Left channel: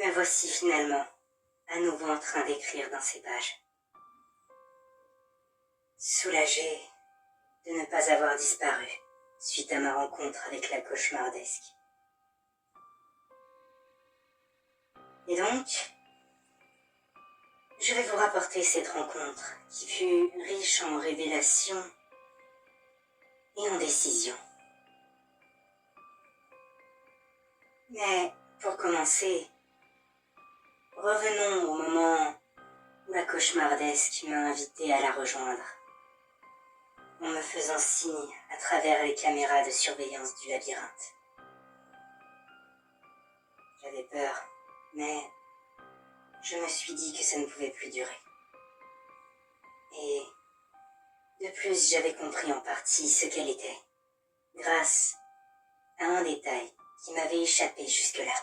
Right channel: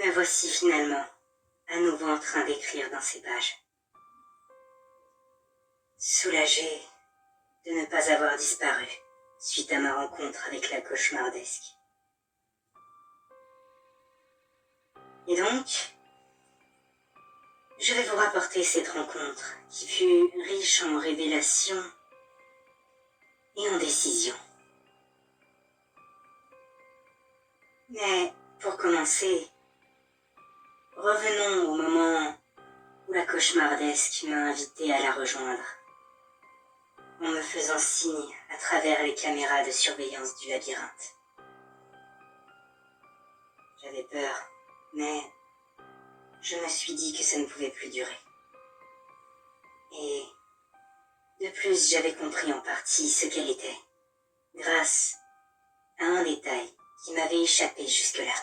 Me voici finalement, à nouveau en train d'écrire dans ces pages. Soulagé de ne pas avoir disparu suite à ma rencontre avec la cauchemardesque. Et donc, je vais vous rapporter cette rencontre qui fut riche en révélations et en décisions. Mais pour commencer, revenons au moment où la cauchemardesque m'a invité à la rejoindre, en me faisant signe à travers les caméras de surveillance du labyrinthe. J'avais peur, mais je me suis dit que ça ne pouvait plus durer. Et de plus, j'avais compris en partie ce qu'elle était, grâce à un détail qui m'avait échappé jusque-là.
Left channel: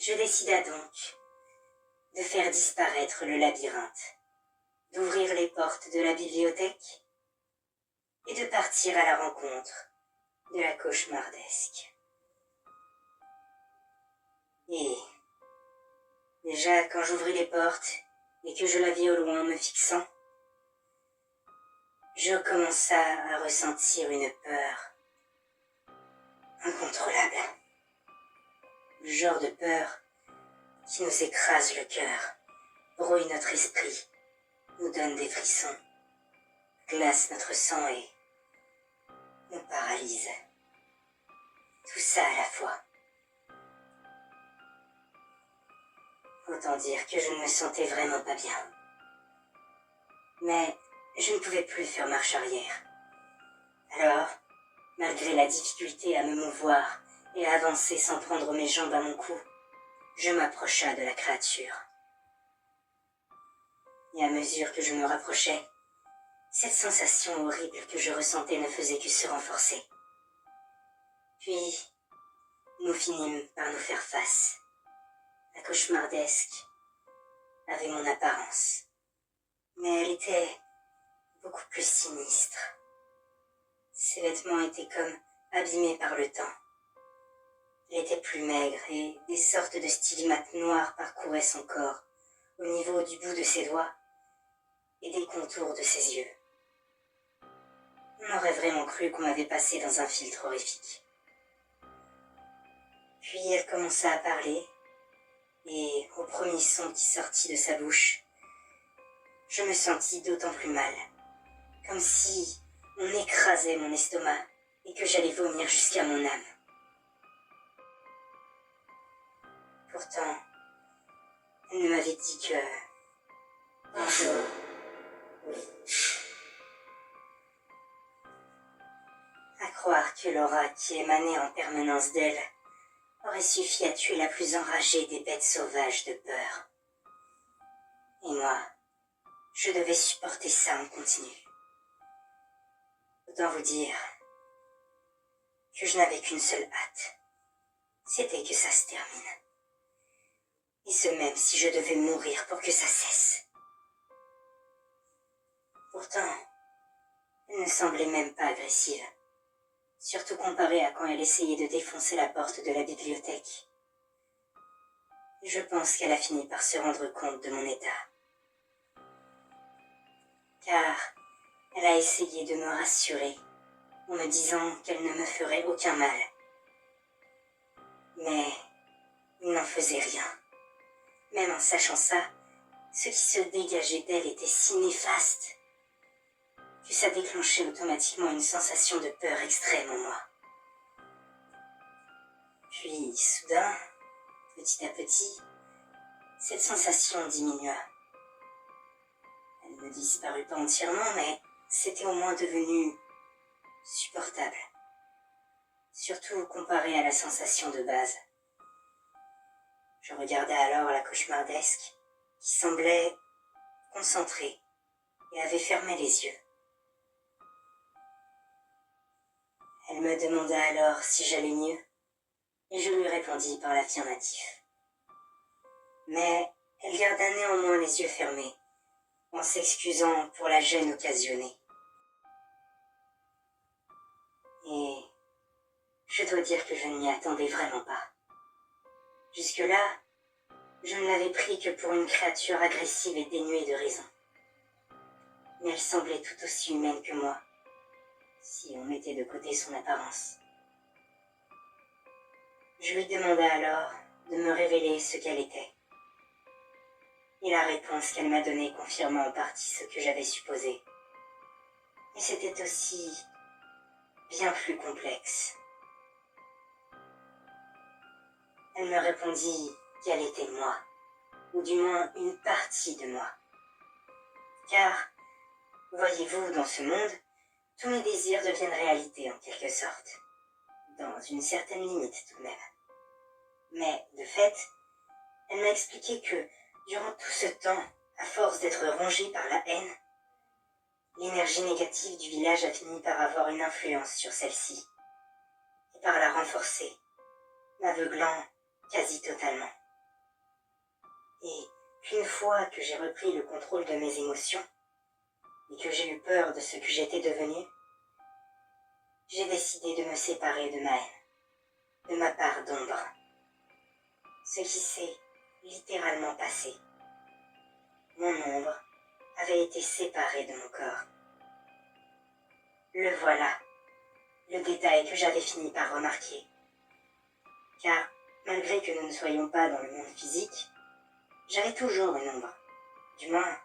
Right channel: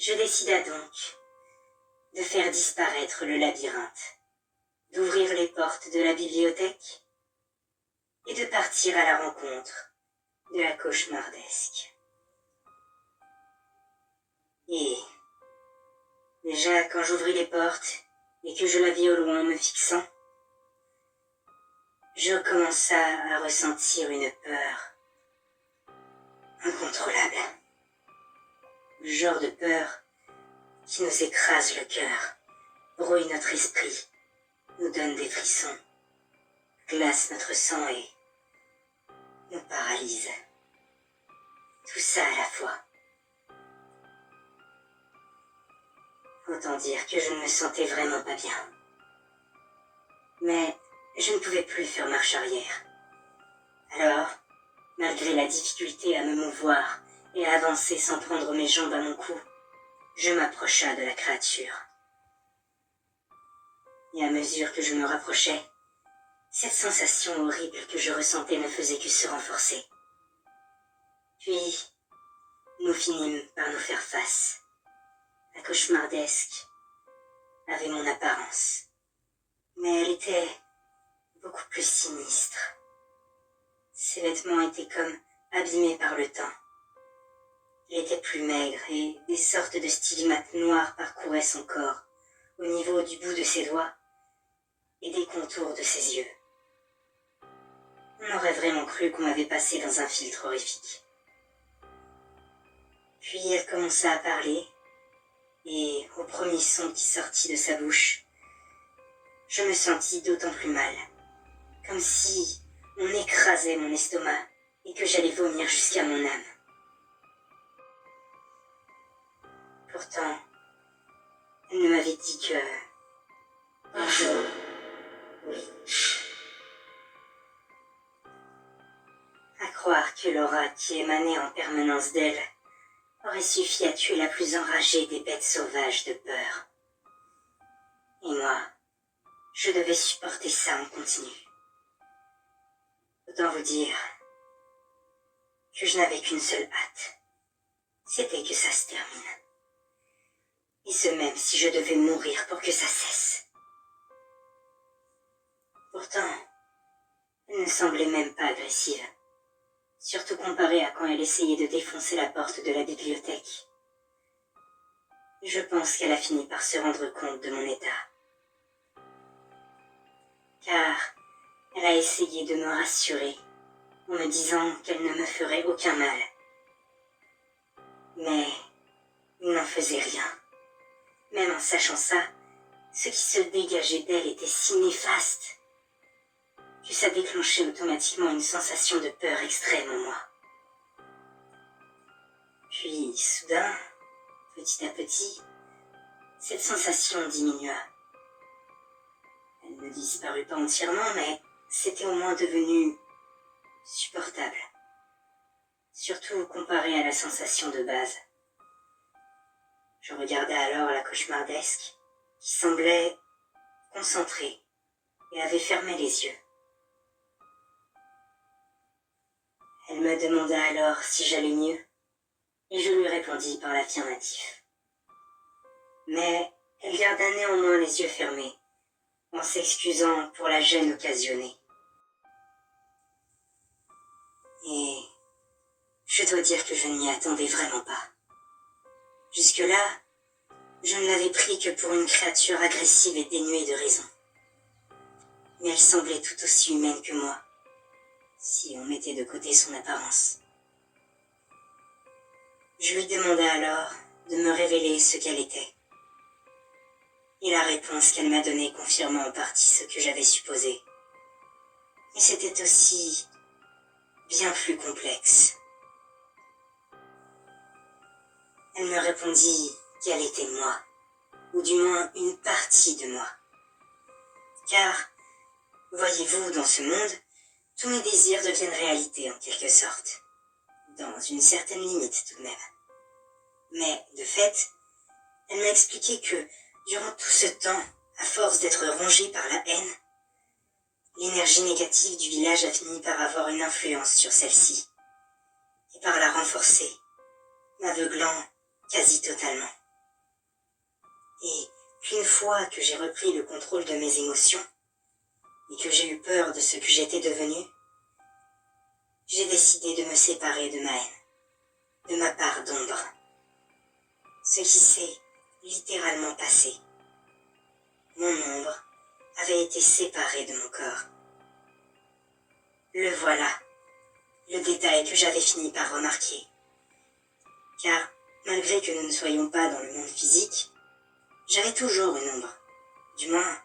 Je décida donc de faire disparaître le labyrinthe, d'ouvrir les portes de la bibliothèque et de partir à la rencontre de la cauchemardesque. Et déjà, quand j'ouvris les portes et que je la vis au loin me fixant, je commença à ressentir une peur incontrôlable. Le genre de peur qui nous écrase le cœur, brouille notre esprit, nous donne des frissons, glace notre sang et nous paralyse. Tout ça à la fois. Autant dire que je ne me sentais vraiment pas bien. Mais je ne pouvais plus faire marche arrière. Alors, malgré la difficulté à me mouvoir et à avancer sans prendre mes jambes à mon cou, je m'approcha de la créature. Et à mesure que je me rapprochais, cette sensation horrible que je ressentais ne faisait que se renforcer. Puis, nous finîmes par nous faire face. La cauchemardesque avait mon apparence, mais elle était beaucoup plus sinistre. Ses vêtements étaient comme abîmés par le temps. Elle était plus maigre et des sortes de stigmates noirs parcouraient son corps, au niveau du bout de ses doigts et des contours de ses yeux. On aurait vraiment cru qu'on m'avait passé dans un filtre horrifique. Puis elle commença à parler, et au premier son qui sortit de sa bouche, je me sentis d'autant plus mal, comme si on écrasait mon estomac et que j'allais vomir jusqu'à mon âme. Pourtant, elle ne m'avait dit que... Bonjour. Oui. À croire que l'aura qui émanait en permanence d'elle aurait suffi à tuer la plus enragée des bêtes sauvages de peur. Et moi, je devais supporter ça en continu. Autant vous dire que je n'avais qu'une seule hâte. C'était que ça se termine. Et ce même si je devais mourir pour que ça cesse. Pourtant, elle ne semblait même pas agressive. Surtout comparée à quand elle essayait de défoncer la porte de la bibliothèque. Je pense qu'elle a fini par se rendre compte de mon état. Car elle a essayé de me rassurer en me disant qu'elle ne me ferait aucun mal. Mais il n'en faisait rien. Même en sachant ça, ce qui se dégageait d'elle était si néfaste que ça déclenchait automatiquement une sensation de peur extrême en moi. Puis, soudain, petit à petit, cette sensation diminua. Elle ne disparut pas entièrement, mais c'était au moins devenu supportable. Surtout comparé à la sensation de base. Je regardais alors la cauchemardesque, qui semblait concentrée et avait fermé les yeux. Elle me demanda alors si j'allais mieux, et je lui répondis par l'affirmatif. Mais elle garda néanmoins les yeux fermés, en s'excusant pour la gêne occasionnée. Et je dois dire que je ne m'y attendais vraiment pas. Jusque-là, je ne l'avais pris que pour une créature agressive et dénuée de raison. Mais elle semblait tout aussi humaine que moi, si on mettait de côté son apparence. Je lui demanda alors de me révéler ce qu'elle était. Et la réponse qu'elle m'a donnée confirmait en partie ce que j'avais supposé. Mais c'était aussi bien plus complexe. Elle me répondit qu'elle était moi, ou du moins une partie de moi. Car, voyez-vous, dans ce monde, tous mes désirs deviennent réalité en quelque sorte, dans une certaine limite tout de même. Mais, de fait, elle m'a expliqué que, durant tout ce temps, à force d'être rongée par la haine, l'énergie négative du village a fini par avoir une influence sur celle-ci, et par la renforcer, m'aveuglant quasi totalement. Et qu'une fois que j'ai repris le contrôle de mes émotions, et que j'ai eu peur de ce que j'étais devenue, j'ai décidé de me séparer de ma haine, de ma part d'ombre. Ce qui s'est littéralement passé. Mon ombre avait été séparée de mon corps. Le voilà, le détail que j'avais fini par remarquer. Car, malgré que nous ne soyons pas dans le monde physique, j'avais toujours une ombre, du moins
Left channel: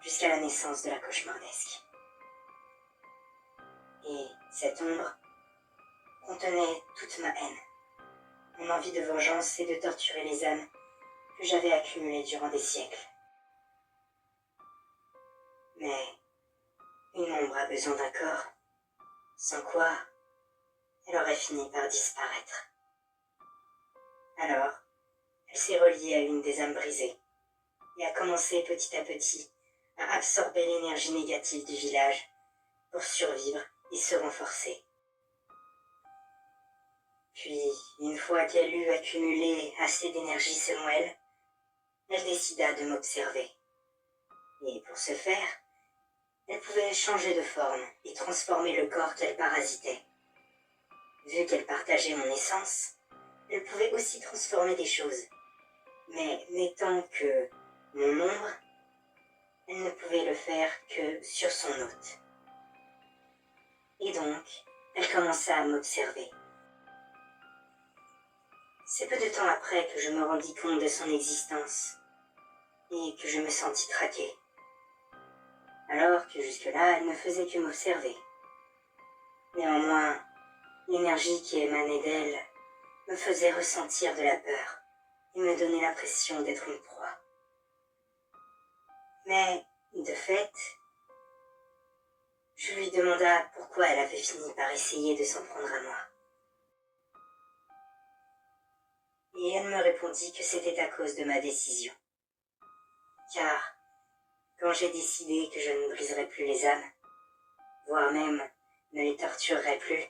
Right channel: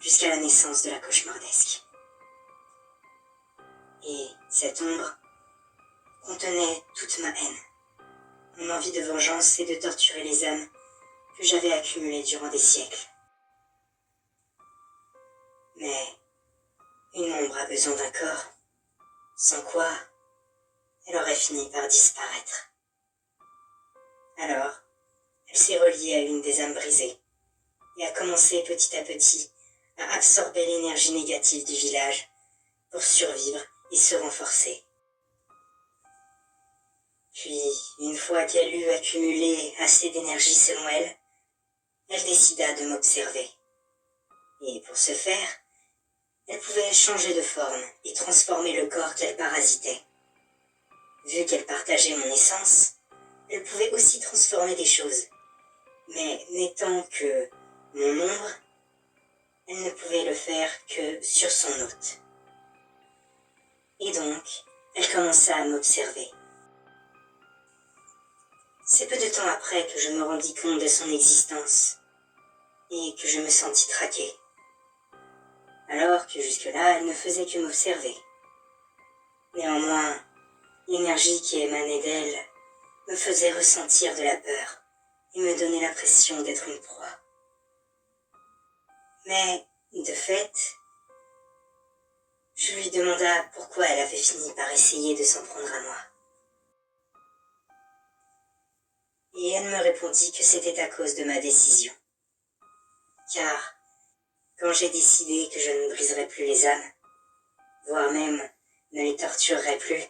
jusqu'à la naissance de la cauchemardesque. Et cette ombre contenait toute ma haine, mon envie de vengeance et de torturer les âmes que j'avais accumulées durant des siècles. Mais une ombre a besoin d'un corps, sans quoi elle aurait fini par disparaître. Alors, elle s'est reliée à une des âmes brisées et a commencé petit à petit à absorber l'énergie négative du village pour survivre et se renforcer. Puis, une fois qu'elle eut accumulé assez d'énergie selon elle, elle décida de m'observer. Et pour ce faire, elle pouvait changer de forme et transformer le corps qu'elle parasitait. Vu qu'elle partageait mon essence, elle pouvait aussi transformer des choses. Mais n'étant que mon ombre, elle ne pouvait le faire que sur son hôte. Et donc, elle commença à m'observer. C'est peu de temps après que je me rendis compte de son existence et que je me sentis traqué. Alors que jusque-là, elle ne faisait que m'observer. Néanmoins, l'énergie qui émanait d'elle me faisait ressentir de la peur et me donnait l'impression d'être une proie. Mais, de fait, je lui demanda pourquoi elle avait fini par essayer de s'en prendre à moi. Et elle me répondit que c'était à cause de ma décision. Car, quand j'ai décidé que je ne briserais plus les âmes, voire même ne les torturerais plus,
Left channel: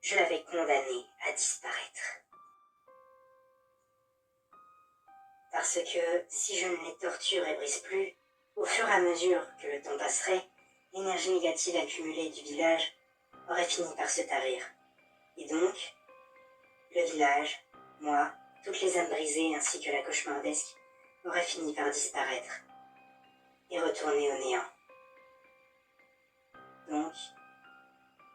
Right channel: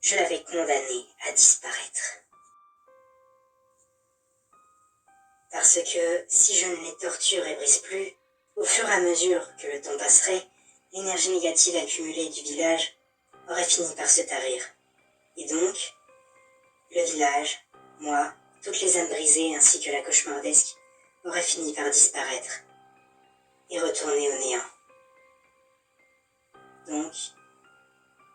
je l'avais condamnée à disparaître. Parce que si je ne les torture et brise plus, au fur et à mesure que le temps passerait, l'énergie négative accumulée du village aurait fini par se tarir. Et donc, le village, moi, toutes les âmes brisées ainsi que la cauchemardesque auraient fini par disparaître et retourner au néant. Donc,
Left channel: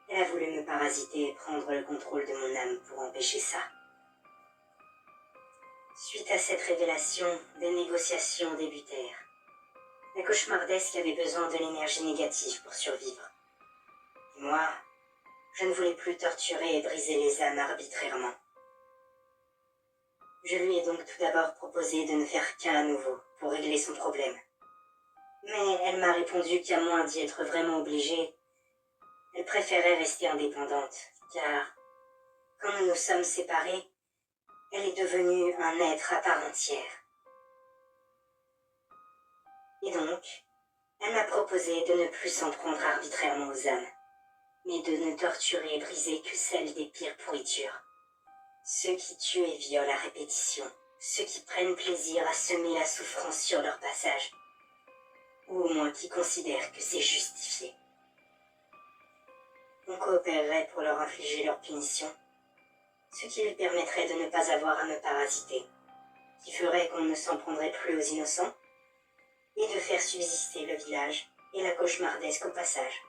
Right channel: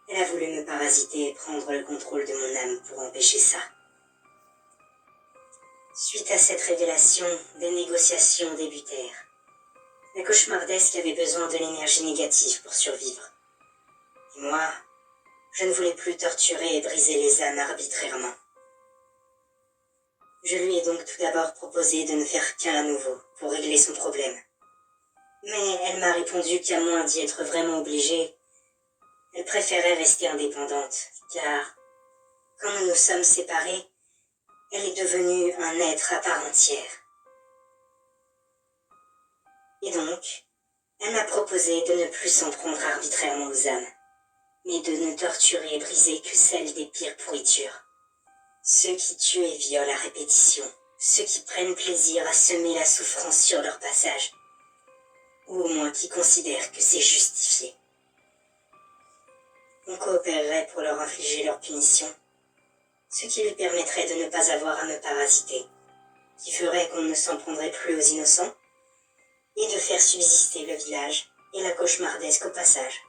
elle a voulu me parasiter et prendre le contrôle de mon âme pour empêcher ça. Suite à cette révélation, des négociations débutèrent. La cauchemardesque avait besoin de l'énergie négative pour survivre. Et moi, je ne voulais plus torturer et briser les âmes arbitrairement. Je lui ai donc tout d'abord proposé de ne faire qu'un à nouveau pour régler son problème. Mais elle m'a répondu qu'à moins d'y être vraiment obligée, elle préférait rester indépendante, car quand nous nous sommes séparés, elle est devenue un être à part entière. Et donc, elle m'a proposé de ne plus s'en prendre arbitrairement aux âmes, mais de ne torturer et briser que celles des pires pourritures. Ceux qui tuent et violent à répétition, ceux qui prennent plaisir à semer la souffrance sur leur passage, ou au moins qui considèrent que c'est ce qui lui permettrait de ne pas avoir à me parasiter, qui ferait qu'on ne s'en prendrait plus aux innocents, et de faire subsister le village et la cauchemardesque au passage.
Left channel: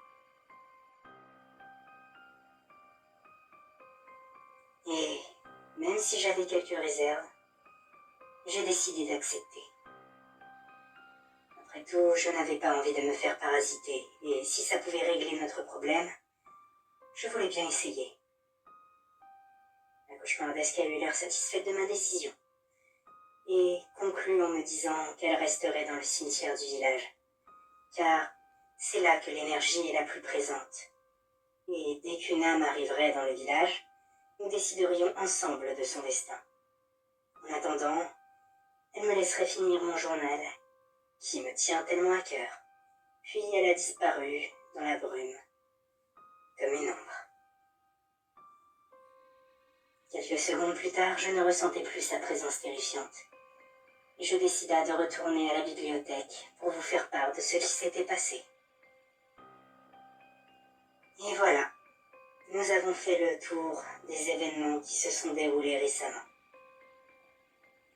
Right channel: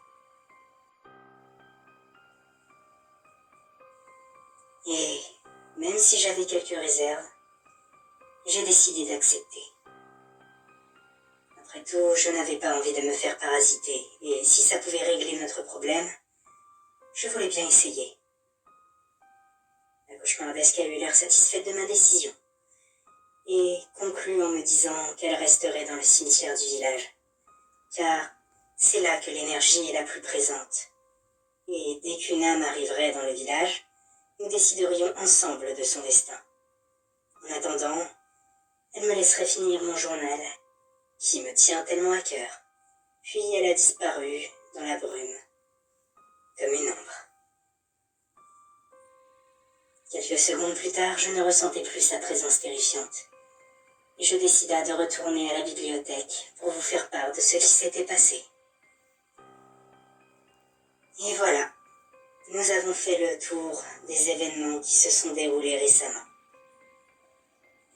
Et même si j'avais quelques réserves, j'ai décidé d'accepter. Après tout, je n'avais pas envie de me faire parasiter, et si ça pouvait régler notre problème, je voulais bien essayer. La cauchemardesque a eu l'air satisfaite de ma décision, et conclut en me disant qu'elle resterait dans le cimetière du village, car c'est là que l'énergie est la plus présente. Et dès qu'une âme arriverait dans le village, nous déciderions ensemble de son destin. En attendant, elle me laisserait finir mon journal, qui me tient tellement à cœur. Puis elle a disparu dans la brume, comme une ombre. Quelques secondes plus tard, je ne ressentais plus sa présence terrifiante, et je décida de retourner à la bibliothèque pour vous faire part de ce qui s'était passé. Et voilà, nous avons fait le tour des événements qui se sont déroulés récemment.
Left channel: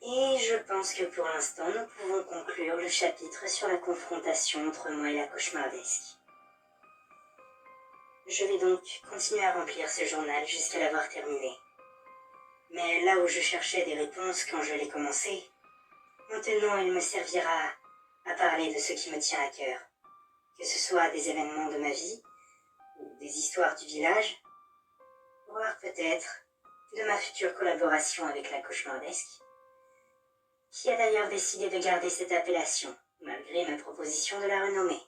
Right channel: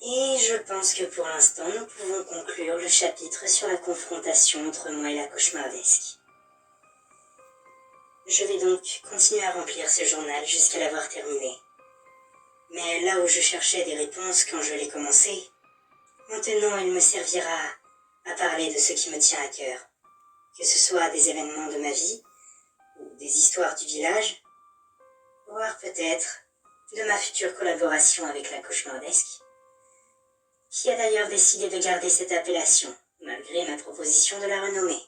Et je pense que pour l'instant, nous pouvons conclure le chapitre sur la confrontation entre moi et la cauchemardesque. Je vais donc continuer à remplir ce journal jusqu'à l'avoir terminé. Mais là où je cherchais des réponses quand je l'ai commencé, maintenant il me servira à parler de ce qui me tient à cœur, que ce soit des événements de ma vie, ou des histoires du village, voire peut-être de ma future collaboration avec la cauchemardesque, qui a d'ailleurs décidé de garder cette appellation, malgré ma proposition de la renommer.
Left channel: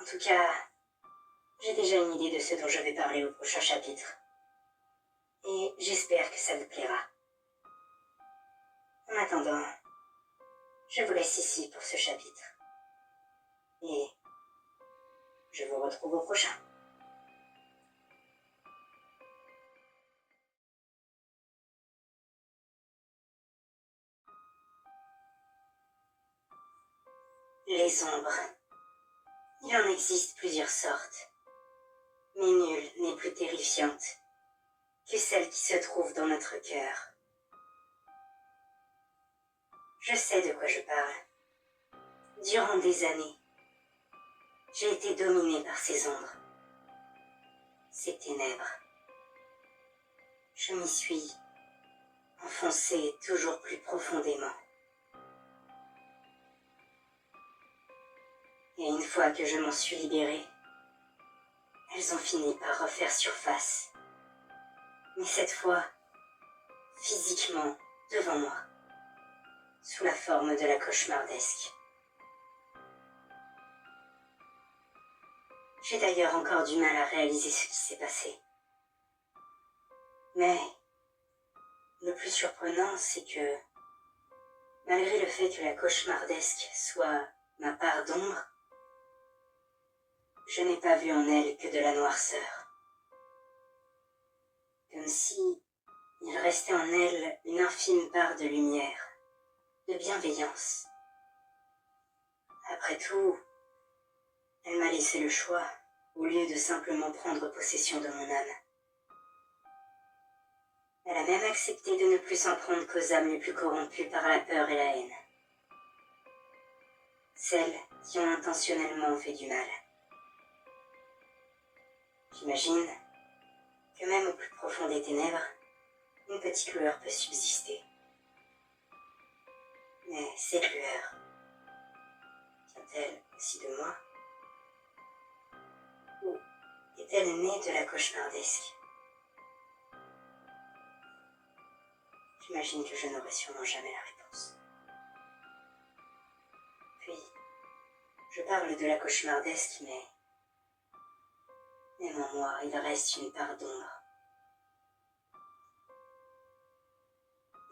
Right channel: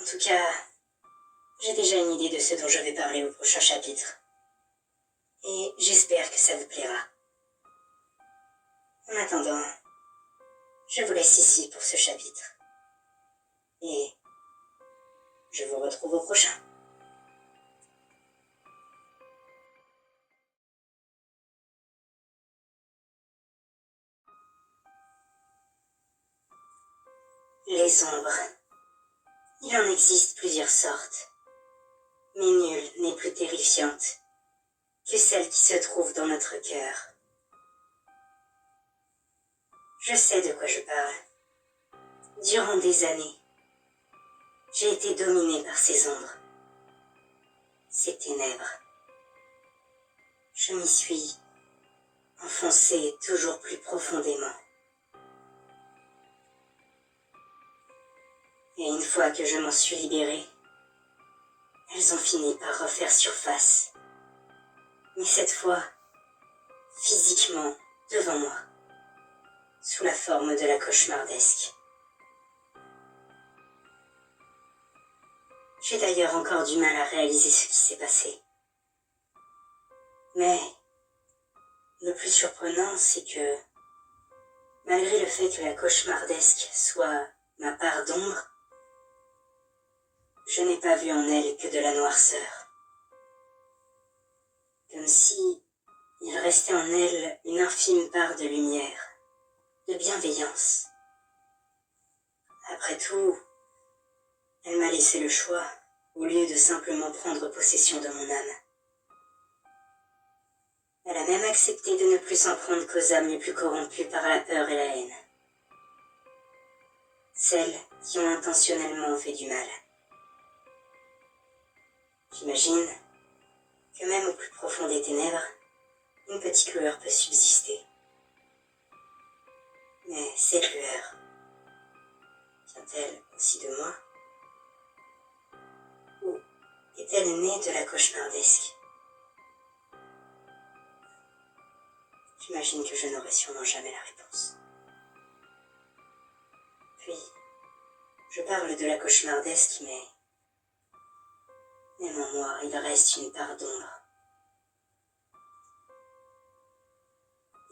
En tout cas, j'ai déjà une idée de ce dont je vais parler au prochain chapitre, et j'espère que ça vous plaira. En attendant, je vous laisse ici pour ce chapitre, et je vous retrouve au prochain. Les ombres. Il en existe plusieurs sortes, mais nulle n'est plus terrifiante que celle qui se trouve dans notre cœur. Je sais de quoi je parle. Durant des années, j'ai été dominée par ces ombres, ces ténèbres. Je m'y suis enfoncée toujours plus profondément. Et une fois que je m'en suis libérée, elles ont fini par refaire surface. Mais cette fois, physiquement, devant moi, sous la forme de la cauchemardesque. J'ai d'ailleurs encore du mal à réaliser ce qui s'est passé. Mais le plus surprenant, c'est que, malgré le fait que la cauchemardesque soit ma part d'ombre, je n'ai pas vu en elle que de la noirceur. Comme si il restait en elle une infime part de lumière, de bienveillance. Après tout, elle m'a laissé le choix, au lieu de simplement prendre possession de mon âme. Elle a même accepté de ne plus s'en prendre qu'aux âmes les plus corrompues par la peur et la haine. Celles qui ont intentionnellement fait du mal. J'imagine que même au plus profond des ténèbres, une petite lueur peut subsister. Mais cette lueur, vient-elle aussi de moi? Ou est-elle née de la cauchemardesque? J'imagine que je n'aurai sûrement jamais la réponse. Puis, je parle de la cauchemardesque, mais même en moi, il reste une part d'ombre.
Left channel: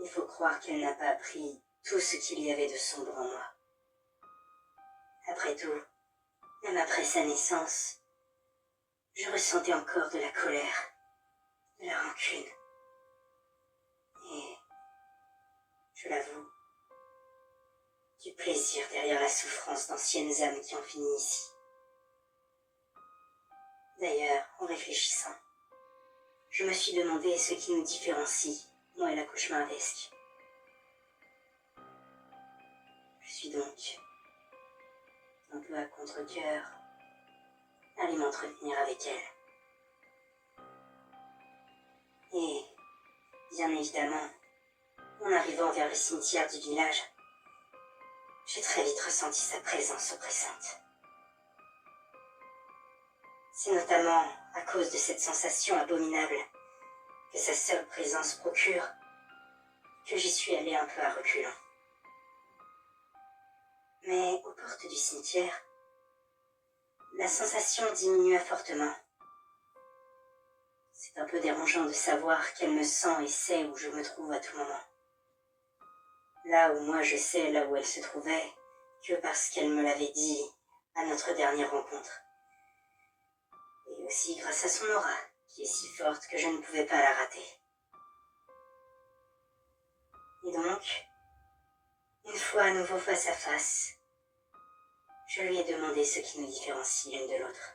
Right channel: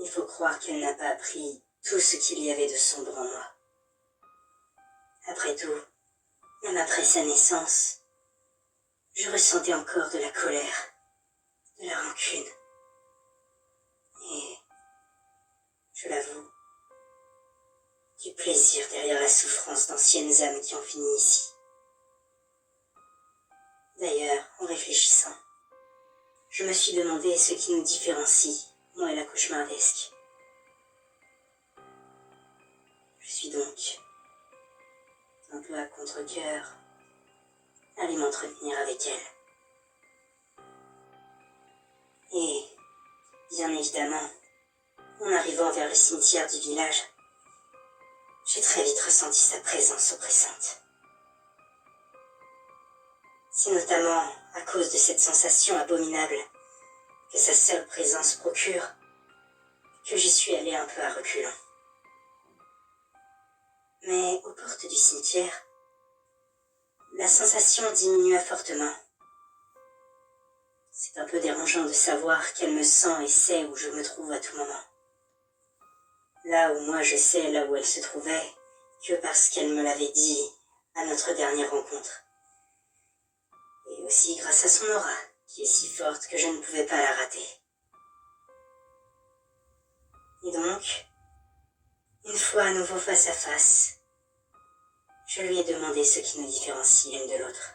Il faut croire qu'elle n'a pas appris tout ce qu'il y avait de sombre en moi. Après tout, même après sa naissance, je ressentais encore de la colère, de la rancune. Et, je l'avoue, du plaisir derrière la souffrance d'anciennes âmes qui ont fini ici. D'ailleurs, en réfléchissant, je me suis demandé ce qui nous différencie, moi et la cauchemardesque. Je suis donc, un peu à contre-cœur, allé m'entretenir avec elle. Et, bien évidemment, en arrivant vers le cimetière du village, j'ai très vite ressenti sa présence oppressante. C'est notamment à cause de cette sensation abominable que sa seule présence procure que j'y suis allé un peu à reculons. Mais aux portes du cimetière, la sensation diminua fortement. C'est un peu dérangeant de savoir qu'elle me sent et sait où je me trouve à tout moment. Là où moi je sais là où elle se trouvait, que parce qu'elle me l'avait dit à notre dernière rencontre. Et aussi grâce à son aura, qui est si forte que je ne pouvais pas la rater. Et donc, une fois à nouveau face à face, je lui ai demandé ce qui nous différencie l'une de l'autre.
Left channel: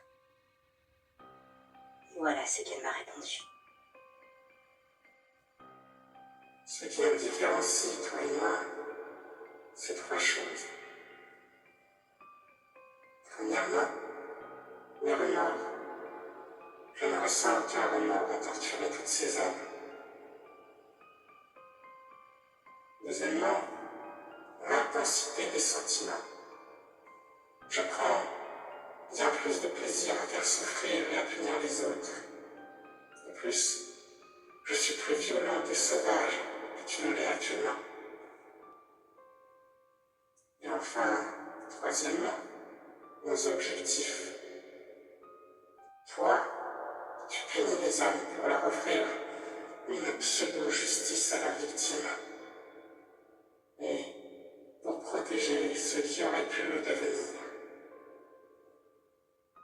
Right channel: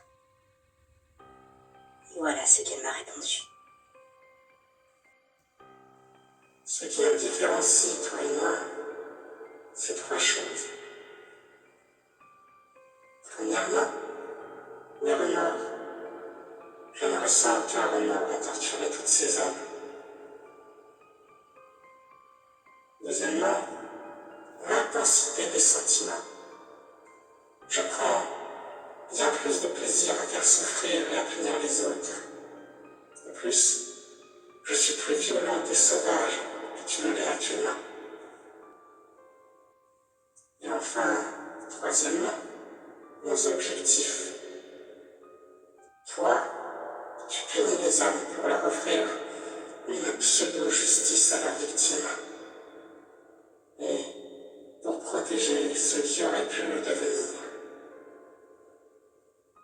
Et voilà ce qu'elle m'a répondu. Ce qui nous différencie, toi et moi, c'est trois choses. Premièrement, le remords. Je ne ressens aucun remords à torturer toutes ces âmes. Deuxièmement, l'intensité des sentiments. Je prends bien plus de plaisir à faire souffrir et à punir les autres. De plus, je suis plus violente et sauvage que tu ne l'es actuellement. Et enfin, troisièmement, nos objectifs. Toi, tu punis les âmes pour leur offrir une pseudo-justice à leurs victimes. Et pour protéger ceux qui auraient pu le devenir.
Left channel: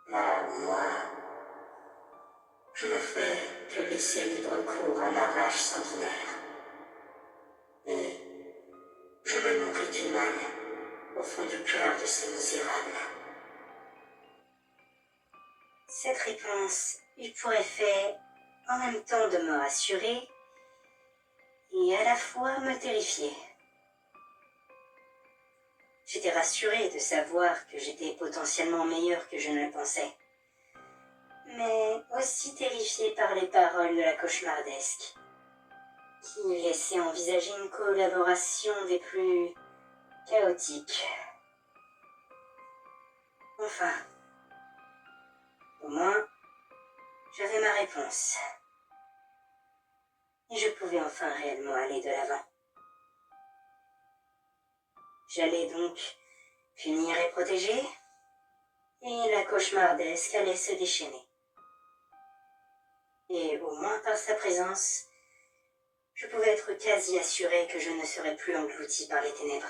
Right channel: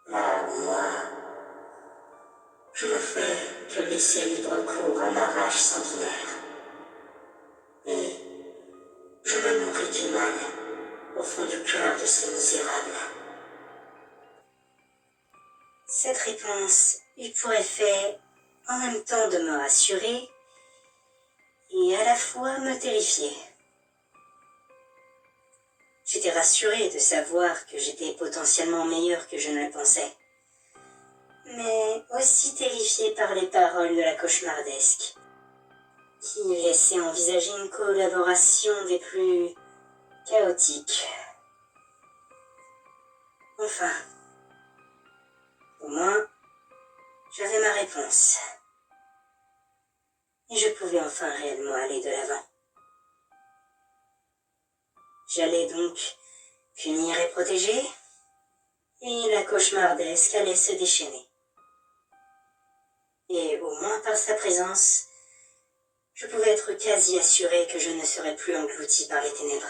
Là où moi, je ne fais que laisser libre cours à ma rage sanguinaire. Et je me nourris du mal au fond du cœur de ces misérables. Cette réponse eut pour effet en même temps de me rassurer et à la fois me terrifier. J'étais rassurée de savoir que j'étais potentiellement meilleure que je ne le pensais, mais aussi terrifiée par les paroles de la cauchemardesque, qui laissaient envisager une collaboration des plus chaotiques. Enfin, au moins, j'avais ma réponse. Et je pouvais enfin réellement aller de l'avant. J'allais donc punir et protéger, et la cauchemardesque allait se déchaîner. Et au moins par sa présence, je pouvais être quasi assuré que je ne serais plus englouti par les ténèbres,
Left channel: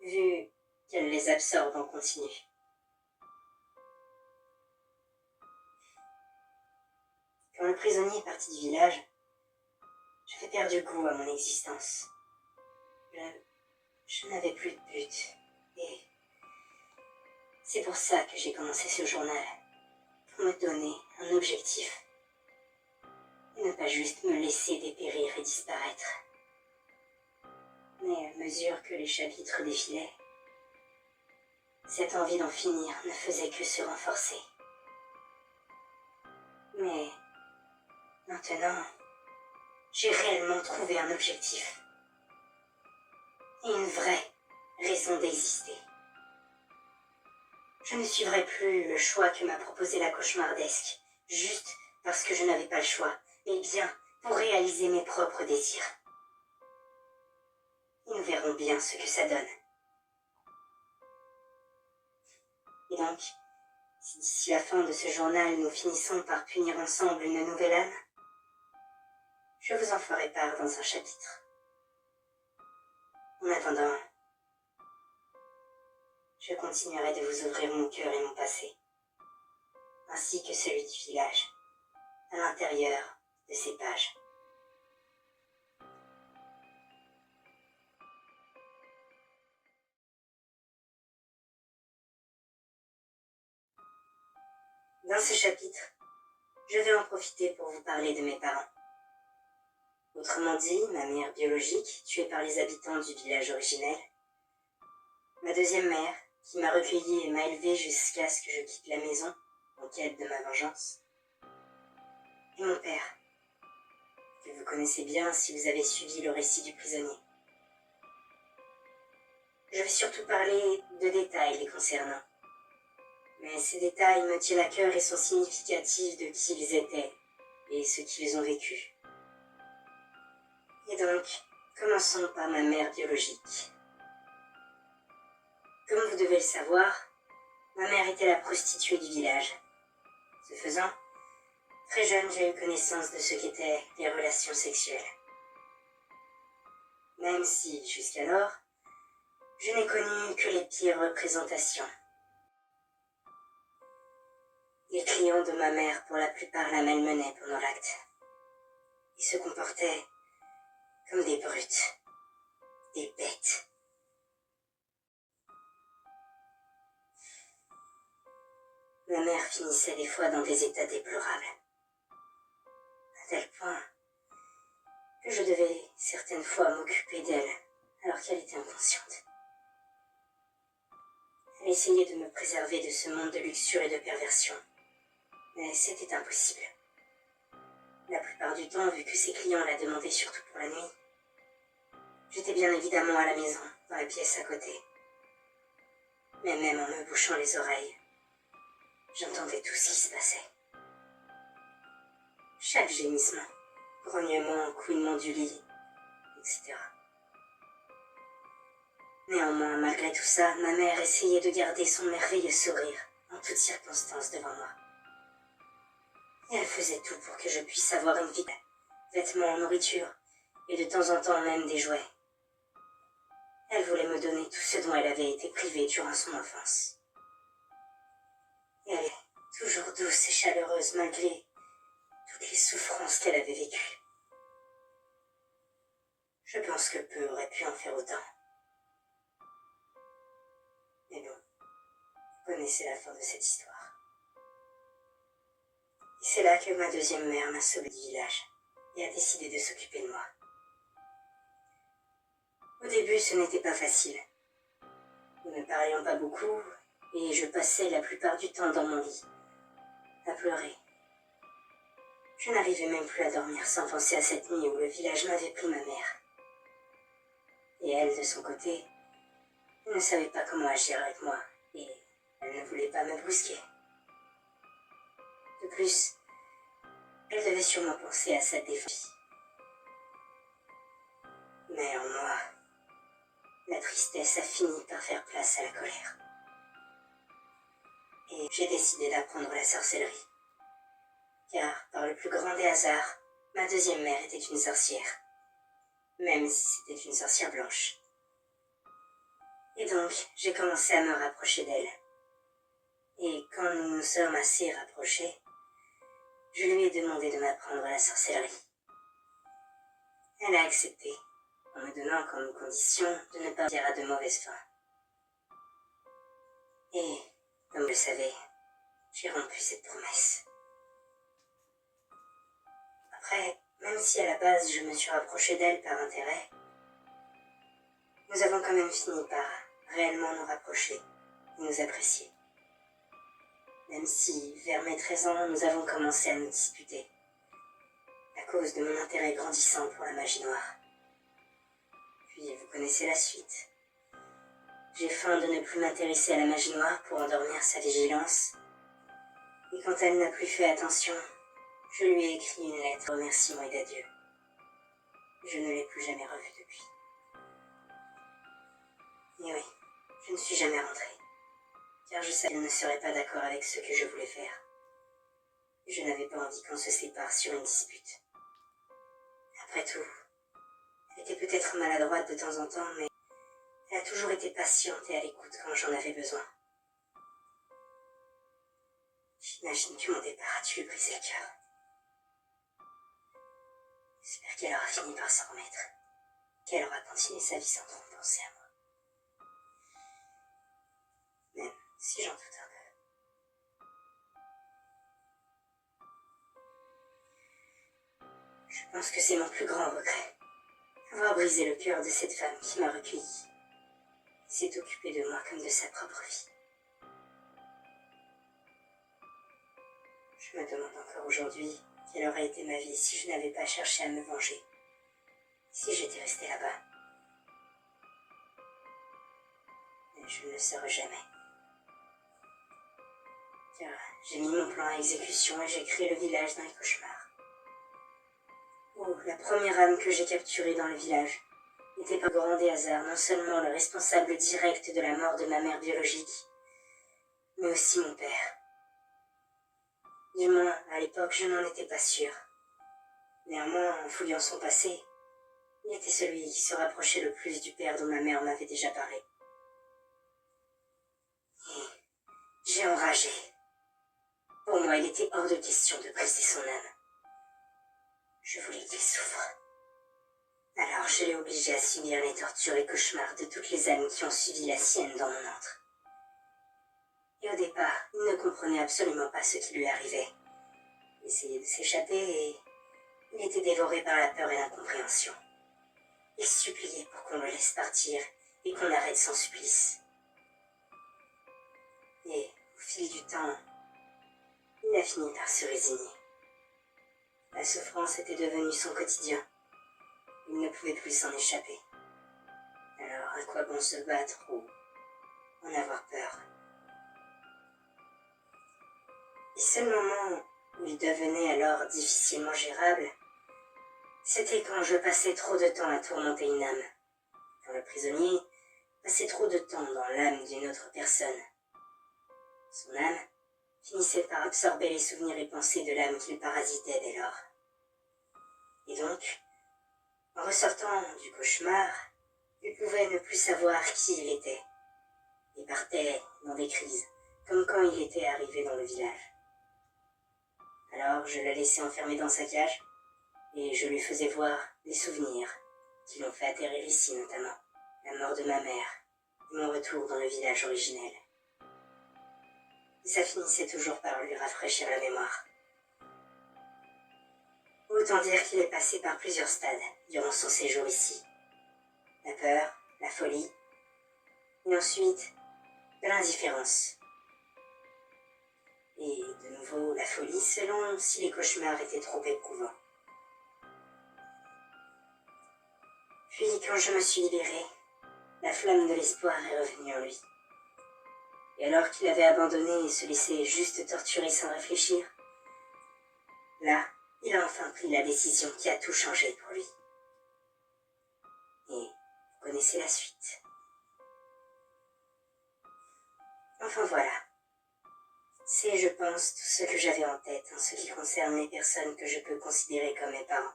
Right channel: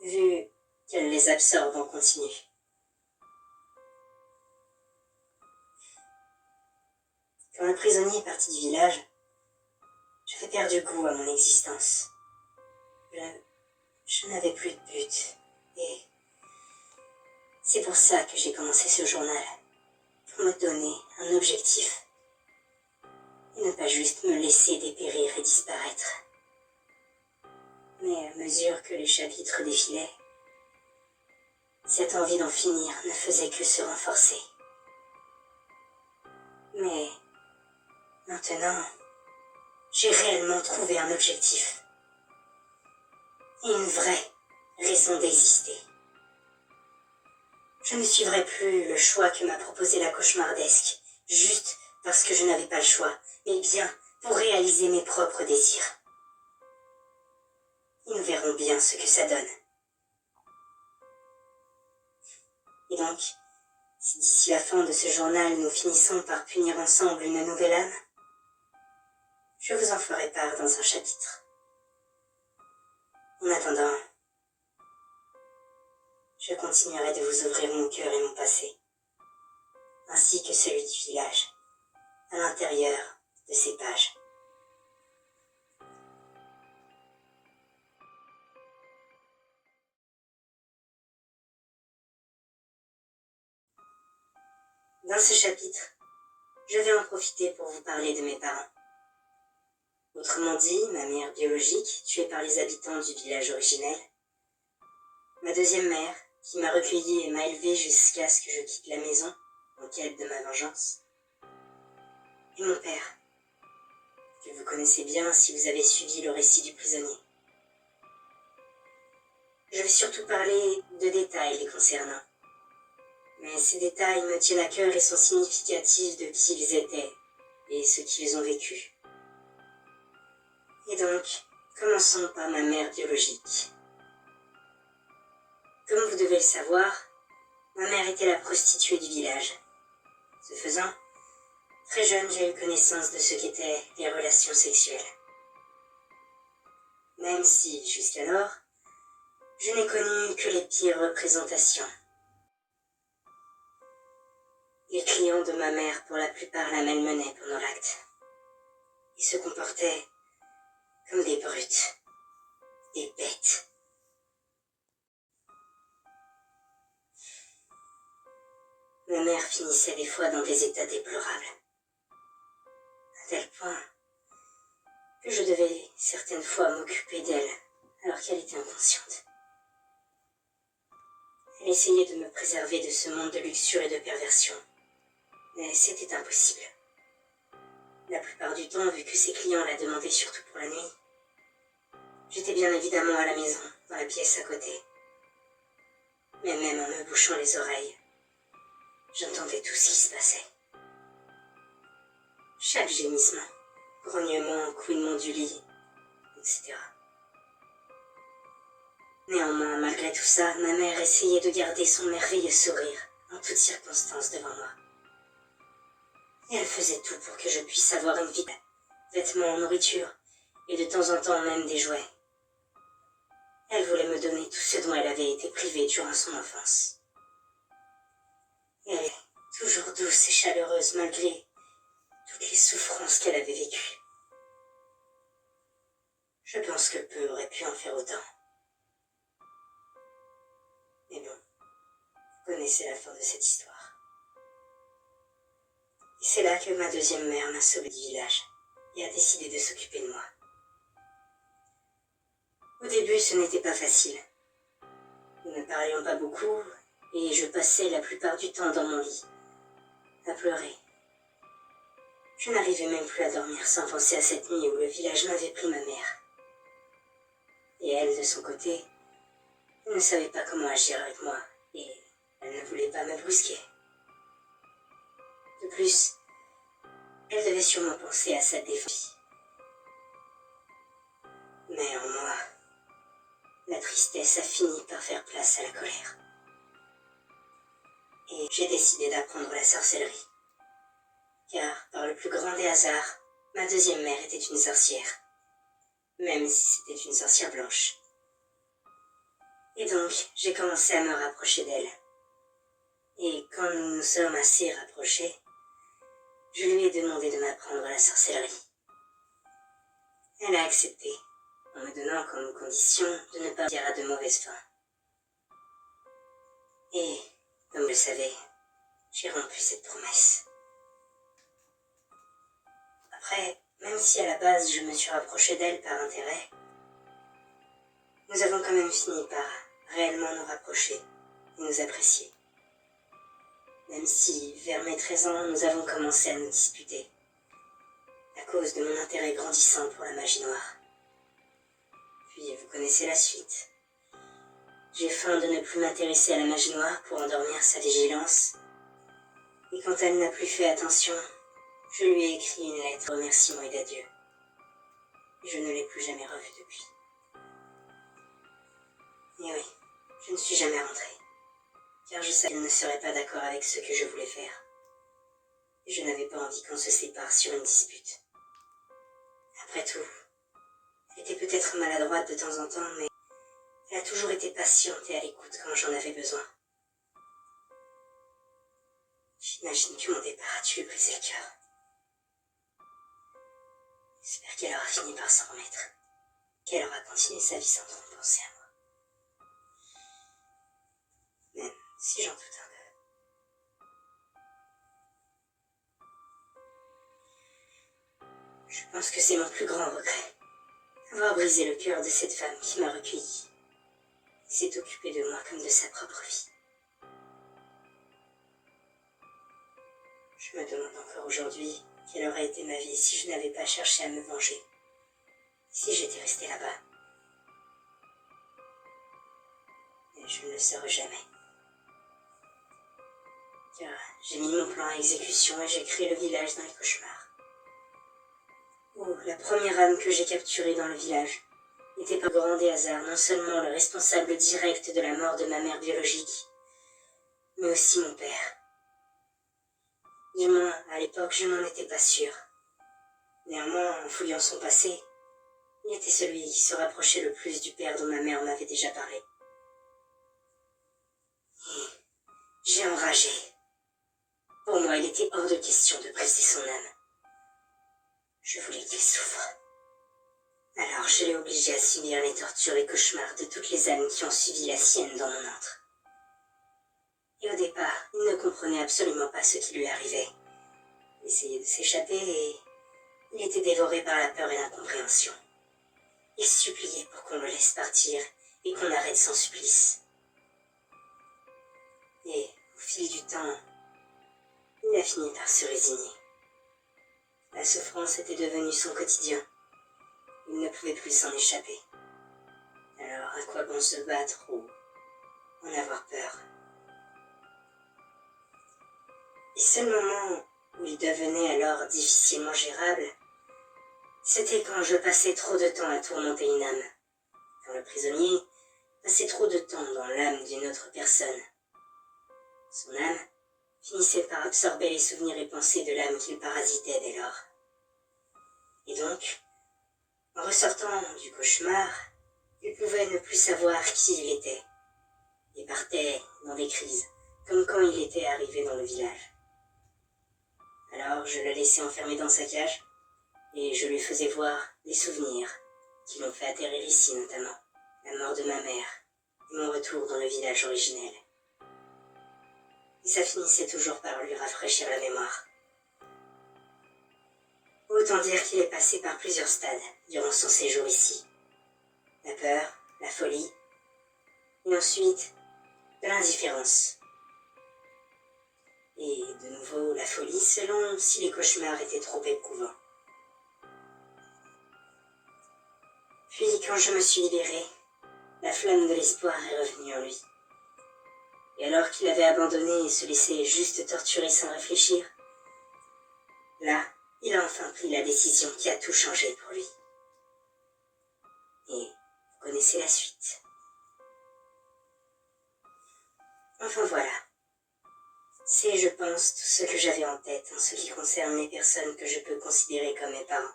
vu qu'elle les absorbe en continu. Quand le prisonnier est parti du village, j'avais perdu goût à mon existence. Je n'avais plus de but, et c'est pour ça que j'ai commencé ce journal, pour me donner un objectif, et ne pas juste me laisser dépérir et disparaître. Mais à mesure que les chapitres défilaient, cette envie d'en finir ne faisait que se renforcer. Mais maintenant, j'ai réellement trouvé un objectif. Et une vraie raison d'exister. Je ne suivrai plus le choix que m'a proposé la cauchemardesque, juste parce que je n'avais pas le choix, mais bien pour réaliser mes propres désirs. Et nous verrons bien ce que ça donne. Et donc, si d'ici la fin de ce journal nous finissons par punir ensemble une nouvelle âme, je vous en ferai part dans un chapitre. En attendant, je continuerai de vous ouvrir mon cœur et mon passé, ainsi que celui du village, à l'intérieur de ces pages. Dans ce chapitre, je vais en profiter pour vous parler de mes parents. Autrement dit, ma mère biologique, tuée par les habitants du village originel, ma deuxième mère, qui m'a recueillie et m'a élevée jusqu'à ce que je quitte la maison, en quête de ma vengeance, et mon père, que vous connaissez bien si vous avez suivi le récit du prisonnier. Je vais surtout parler de détails les concernant, mais ces détails me tiennent à cœur et sont significatifs de qui ils étaient et ce qu'ils ont vécu. Et donc, commençons par ma mère biologique. Comme vous devez le savoir, ma mère était la prostituée du village. Ce faisant, très jeune, j'ai eu connaissance de ce qu'étaient les relations sexuelles. Même si, jusqu'alors, je n'ai connu que les pires représentations. Les clients de ma mère, pour la plupart, la malmenaient pendant l'acte. Ils se comportaient comme des brutes, des bêtes. Ma mère finissait des fois dans des états déplorables, à tel point que je devais certaines fois m'occuper d'elle alors qu'elle était inconsciente. Elle essayait de me préserver de ce monde de luxure et de perversion, mais c'était impossible. La plupart du temps, vu que ses clients la demandaient surtout pour la nuit, j'étais bien évidemment à la maison, dans la pièce à côté. Mais même en me bouchant les oreilles, j'entendais tout ce qui se passait. Chaque gémissement, grognement, couinement du lit, etc. Néanmoins, malgré tout ça, ma mère essayait de garder son merveilleux sourire en toutes circonstances devant moi. Et elle faisait tout pour que je puisse avoir une vie, vêtements, nourriture, et de temps en temps même des jouets. Elle voulait me donner tout ce dont elle avait été privée durant son enfance. Et elle est toujours douce et chaleureuse malgré toutes les souffrances qu'elle avait vécues. Je pense que peu aurait pu en faire autant. Mais bon, vous connaissez la fin de cette histoire. Et c'est là que ma deuxième mère m'a sauvée du village et a décidé de s'occuper de moi. Au début, ce n'était pas facile. Nous ne parlions pas beaucoup et je passais la plupart du temps dans mon lit, à pleurer. Je n'arrivais même plus à dormir sans penser à cette nuit où le village m'avait pris ma mère. Et elle, de son côté, ne savait pas comment agir avec moi et elle ne voulait pas me brusquer. De plus, elle devait sûrement penser à sa défense. Mais en moi, la tristesse a fini par faire place à la colère. Et j'ai décidé d'apprendre la sorcellerie. Car, par le plus grand des hasards, ma deuxième mère était une sorcière. Même si c'était une sorcière blanche. Et donc, j'ai commencé à me rapprocher d'elle. Et quand nous nous sommes assez rapprochés, je lui ai demandé de m'apprendre la sorcellerie. Elle a accepté, en me donnant comme condition de ne pas dire à de mauvaises fins. Et, comme je le savais, j'ai rompu cette promesse. Après, même si à la base je me suis rapproché d'elle par intérêt, nous avons quand même fini par réellement nous rapprocher et nous apprécier. Même si, vers mes 13 ans, nous avons commencé à nous disputer, à cause de mon intérêt grandissant pour la magie noire. Puis vous connaissez la suite. J'ai faim de ne plus m'intéresser à la magie noire pour endormir sa vigilance, et quand elle n'a plus fait attention, je lui ai écrit une lettre de remerciement et d'adieu. Je ne l'ai plus jamais revue depuis. Et oui, je ne suis jamais rentrée, car je savais qu'elle ne serait pas d'accord avec ce que je voulais faire. Et je n'avais pas envie qu'on se sépare sur une dispute. Après tout, elle était peut-être maladroite de temps en temps, mais elle a toujours été patiente et à l'écoute quand j'en avais besoin. J'imagine que mon départ a dû lui briser le cœur. J'espère qu'elle aura fini par s'en remettre, qu'elle aura continué sa vie sans trop penser à moi. Même si j'en doute un peu. Je pense que c'est mon plus grand regret. Avoir brisé le cœur de cette femme qui m'a recueilli. Et s'est occupée de moi comme de sa propre vie. Je me demande encore aujourd'hui quelle aurait été ma vie si je n'avais pas cherché à me venger. Si j'étais restée là-bas. Mais je ne le saurais jamais. Car j'ai mis mon plan à exécution et j'ai créé le village dans les cauchemars. Oh, la première âme que j'ai capturée dans le village était par grand des hasards non seulement le responsable direct de la mort de ma mère biologique, mais aussi mon père. Du moins, à l'époque, je n'en étais pas sûre. Néanmoins, en fouillant son passé, il était celui qui se rapprochait le plus du père dont ma mère m'avait déjà parlé. Et j'ai enragé. Pour moi, il était hors de question de briser son âme. Je voulais qu'il souffre. Alors je l'ai obligé à subir les tortures et cauchemars de toutes les âmes qui ont suivi la sienne dans mon antre. Et au départ, il ne comprenait absolument pas ce qui lui arrivait. Il essayait de s'échapper et il était dévoré par la peur et l'incompréhension. Il suppliait pour qu'on le laisse partir et qu'on arrête son supplice. Et au fil du temps, il a fini par se résigner. La souffrance était devenue son quotidien. Il ne pouvait plus s'en échapper. Alors à quoi bon se battre ou en avoir peur? Les seuls moments où il devenait alors difficilement gérable, c'était quand je passais trop de temps à tourmenter une âme. Quand le prisonnier passait trop de temps dans l'âme d'une autre personne. Son âme finissait par absorber les souvenirs et pensées de l'âme qu'il parasitait dès lors. Et donc, en ressortant du cauchemar, il pouvait ne plus savoir qui il était, et partait dans des crises, comme quand il était arrivé dans le village. Alors je le laissais enfermer dans sa cage, et je lui faisais voir des souvenirs qui l'ont fait atterrir ici notamment, la mort de ma mère, et mon retour dans le village originel. Et ça finissait toujours par lui rafraîchir la mémoire. Autant dire qu'il est passé par plusieurs stades durant son séjour ici. La peur, la folie, et ensuite de l'indifférence. Et de nouveau la folie selon si les cauchemars étaient trop éprouvants. Puis quand je me suis libérée, la flamme de l'espoir est revenue en lui. Et alors qu'il avait abandonné et se laissait juste torturer sans réfléchir, là, il a enfin pris la décision qui a tout changé pour lui. Et vous connaissez la suite. Enfin voilà. C'est, je pense, tout ce que j'avais en tête en ce qui concerne les personnes que je peux considérer comme mes parents.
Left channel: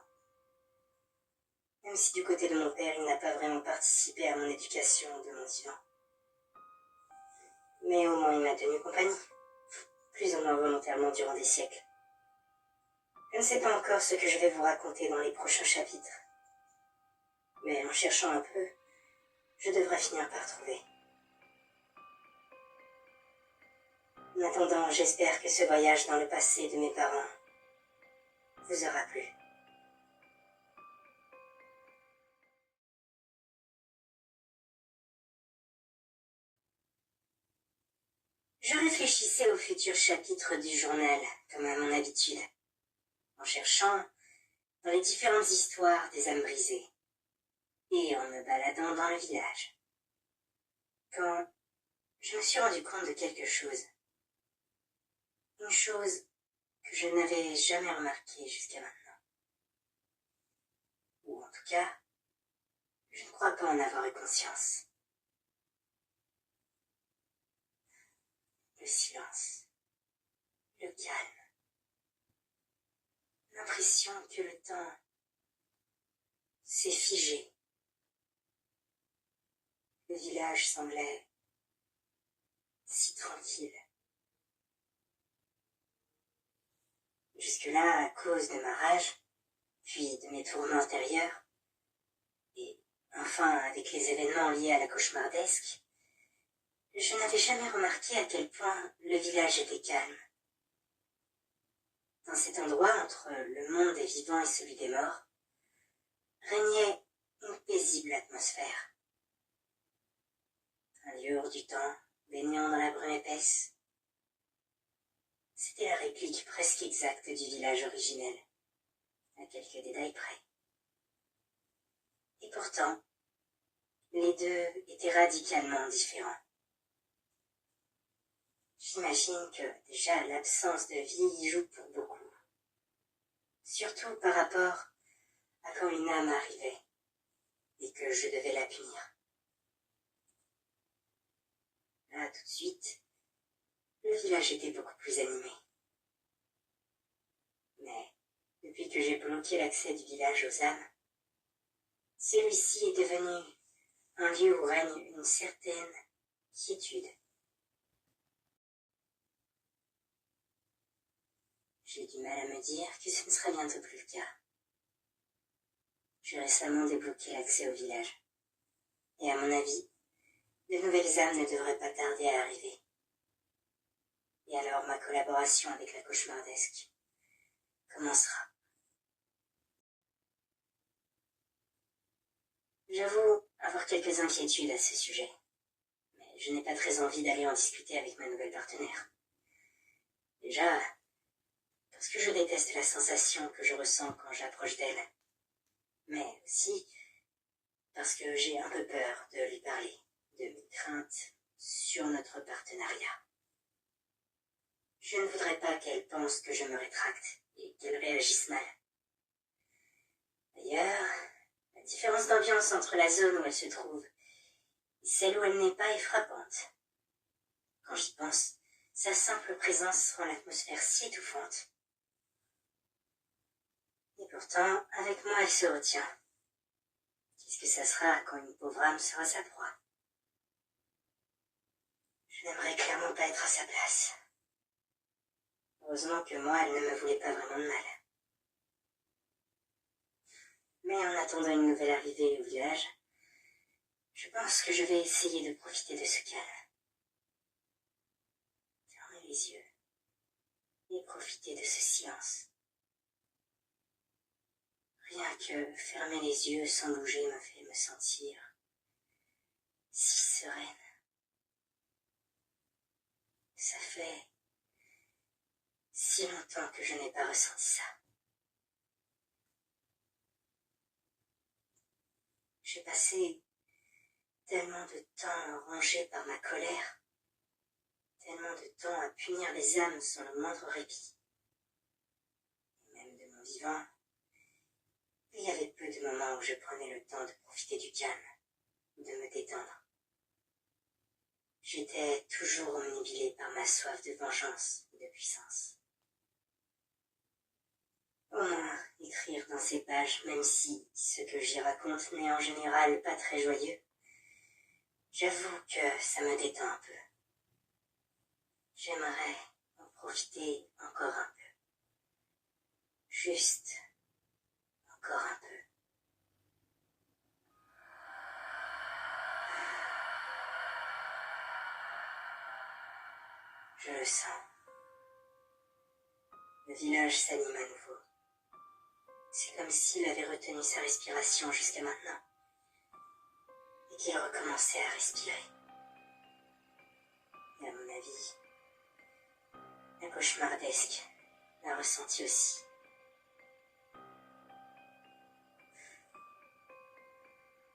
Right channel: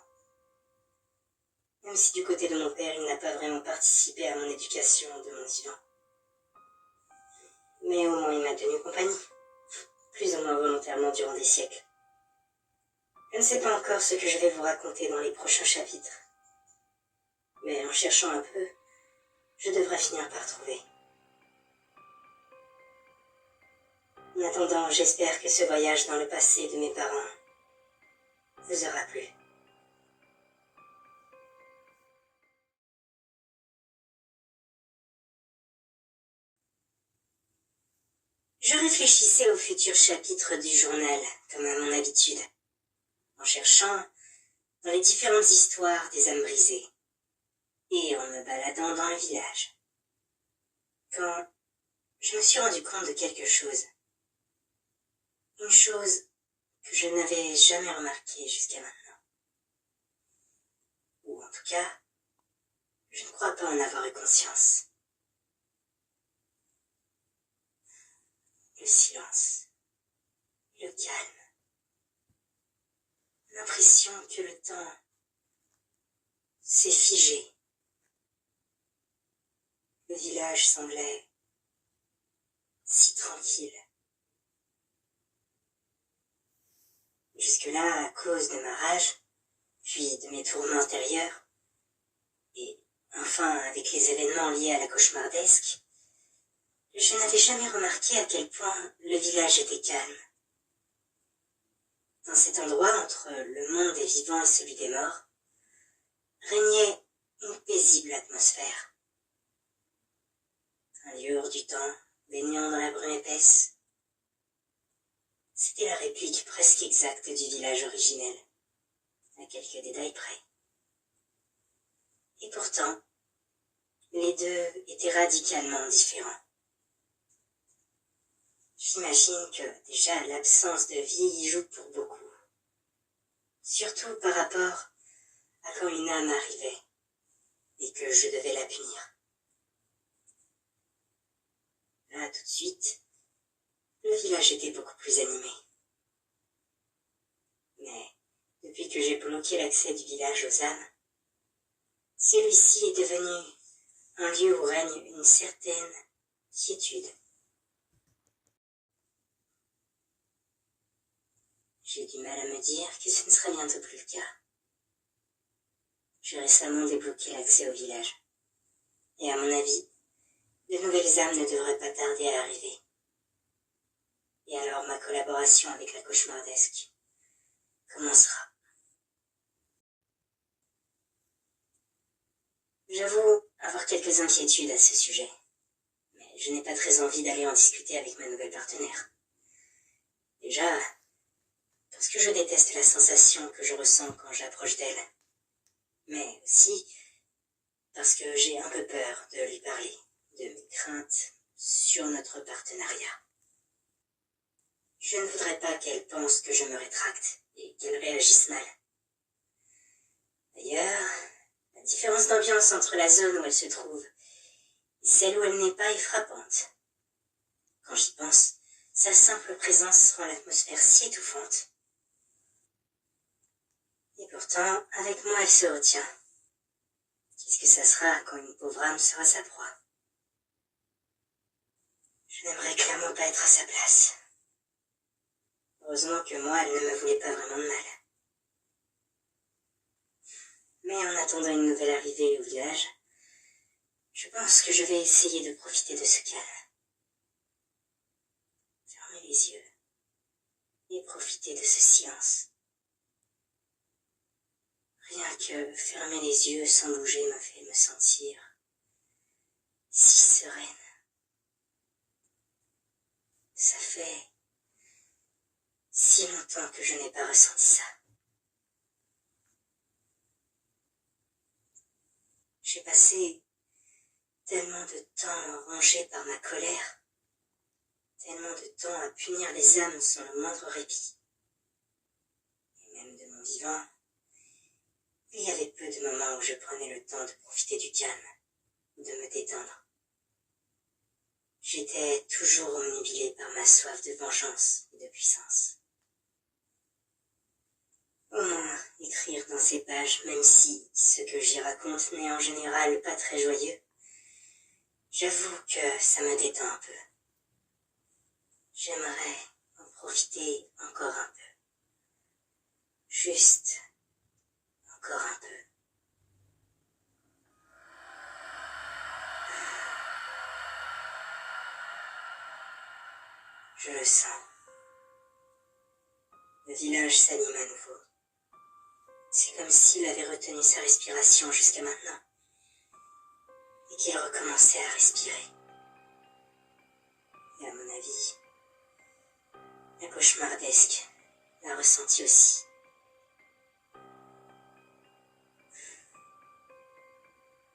Même si du côté de mon père, il n'a pas vraiment participé à mon éducation de mon vivant. Mais au moins il m'a tenu compagnie, plus ou moins volontairement durant des siècles. Je ne sais pas encore ce que je vais vous raconter dans les prochains chapitres. Mais en cherchant un peu, je devrais finir par trouver. En attendant, j'espère que ce voyage dans le passé de mes parents vous aura plu. Je réfléchissais au futur chapitre du journal, comme à mon habitude, en cherchant dans les différentes histoires des âmes brisées, et en me baladant dans le village. Quand je me suis rendu compte de quelque chose. Une chose que je n'avais jamais remarquée jusqu'à maintenant. Ou en tout cas, je ne crois pas en avoir eu conscience. Le silence, le calme, l'impression que le temps s'est figé. Le village semblait si tranquille. Jusque-là, à cause de ma rage, puis de mes tourments intérieurs, et enfin avec les événements liés à la cauchemardesque, je n'avais jamais remarqué à quel point le village était calme. Dans cet endroit, entre le monde des vivants et celui des morts, régnait une paisible atmosphère. Un lieu hors du temps, baignant dans la brume épaisse. C'était la réplique presque exacte du village originel, à quelques détails près. Et pourtant, les deux étaient radicalement différents. J'imagine que déjà l'absence de vie y joue pour beaucoup. Surtout par rapport à quand une âme arrivait et que je devais la punir. Là, tout de suite, le village était beaucoup plus animé. Mais depuis que j'ai bloqué l'accès du village aux âmes, celui-ci est devenu un lieu où règne une certaine quiétude. J'ai du mal à me dire que ce ne sera bientôt plus le cas. J'ai récemment débloqué l'accès au village. Et à mon avis, de nouvelles âmes ne devraient pas tarder à arriver. Et alors ma collaboration avec la cauchemardesque commencera. J'avoue avoir quelques inquiétudes à ce sujet, mais je n'ai pas très envie d'aller en discuter avec ma nouvelle partenaire. Déjà, parce que je déteste la sensation que je ressens quand j'approche d'elle, mais aussi parce que j'ai un peu peur de lui parler de mes craintes sur notre partenariat. Je ne voudrais pas qu'elle pense que je me rétracte et qu'elle réagisse mal. D'ailleurs, la différence d'ambiance entre la zone où elle se trouve et celle où elle n'est pas est frappante. Quand j'y pense, sa simple présence rend l'atmosphère si étouffante. Et pourtant, avec moi, elle se retient. Qu'est-ce que ça sera quand une pauvre âme sera sa proie? Je n'aimerais clairement pas être à sa place. Heureusement que moi, elle ne me voulait pas vraiment de mal. Mais en attendant une nouvelle arrivée au village, je pense que je vais essayer de profiter de ce calme. Fermer les yeux et profiter de ce silence. Rien que fermer les yeux sans bouger me fait me sentir si sereine. Ça fait si longtemps que je n'ai pas ressenti ça. J'ai passé tellement de temps rongé par ma colère, tellement de temps à punir les âmes sans le moindre répit. Et même de mon vivant, il y avait peu de moments où je prenais le temps de profiter du calme, de me détendre. J'étais toujours omnibulé par ma soif de vengeance et de puissance. Au moins, écrire dans ces pages, même si ce que j'y raconte n'est en général pas très joyeux, j'avoue que ça me détend un peu. J'aimerais en profiter encore un peu. Juste encore un peu. Je le sens. Le village s'anime à nouveau. C'est comme s'il avait retenu sa respiration jusqu'à maintenant et qu'il recommençait à respirer. Et à mon avis, la cauchemardesque l'a ressenti aussi.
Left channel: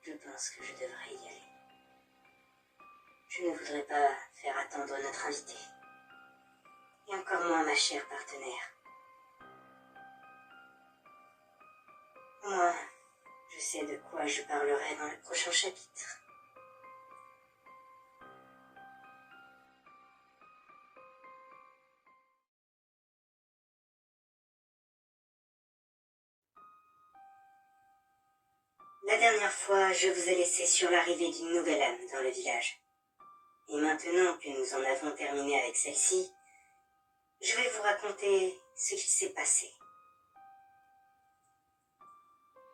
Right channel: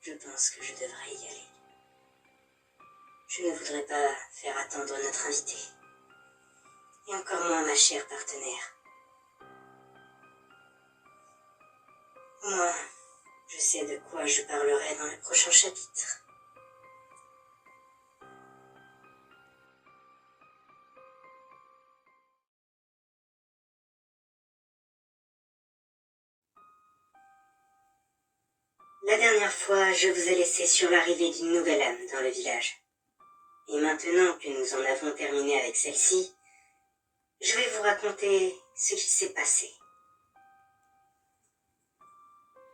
Je pense que je devrais y aller. Je ne voudrais pas faire attendre notre invité, et encore moins ma chère partenaire. Au moins, je sais de quoi je parlerai dans le prochain chapitre. La dernière fois, je vous ai laissé sur l'arrivée d'une nouvelle âme dans le village. Et maintenant que nous en avons terminé avec celle-ci, je vais vous raconter ce qui s'est passé.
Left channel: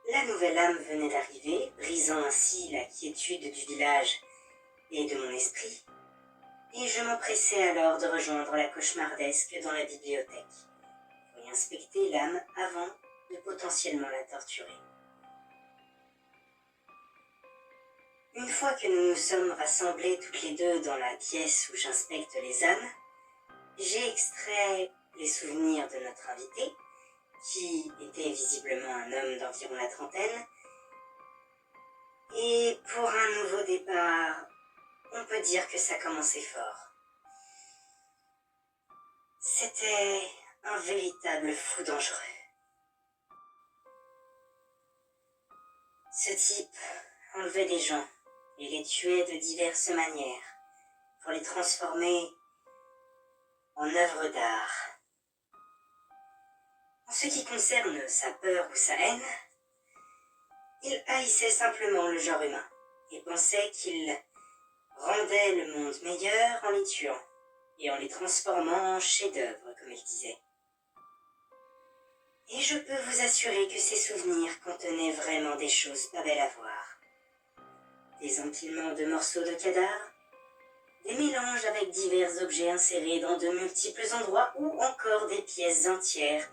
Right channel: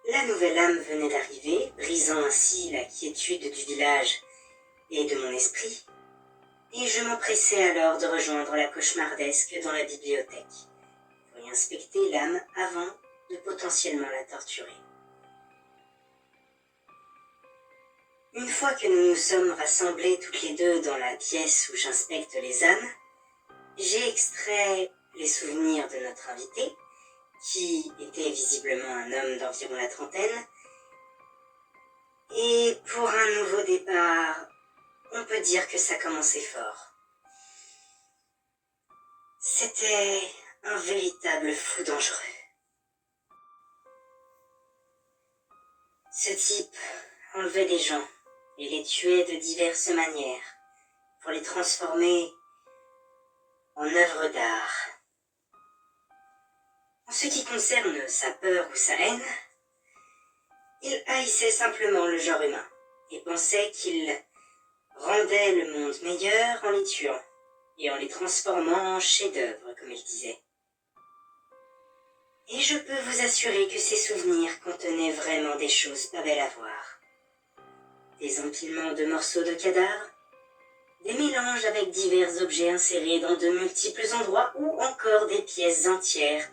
La nouvelle âme venait d'arriver, brisant ainsi la quiétude du village et de mon esprit, et je m'empressais alors de rejoindre la cauchemardesque dans la bibliothèque, pour et inspecter l'âme avant de potentiellement la torturer. Une fois que nous nous sommes rassemblés toutes les deux dans la pièce où j'inspecte les âmes, j'ai extrait les souvenirs de notre invité, qui était visiblement un homme d'environ la trentaine, et pour un nouveau départ, on peut dire que ça commençait fort. C'était un véritable fou dangereux. Ce type enlevait des gens et les tuait de diverses manières pour les transformer en œuvres d'art. En ce qui concerne sa peur ou sa haine, il haïssait simplement le genre humain et pensait qu'il rendait le monde meilleur en les tuant et en les transformant en chefs-d'œuvre, comme il disait. Et je peux vous assurer que ces souvenirs contenaient vraiment des choses pas belles à voir. Des empilements de morceaux de cadavres, des mélanges avec divers objets insérés dans de multiples endroits ou encore des pièces entières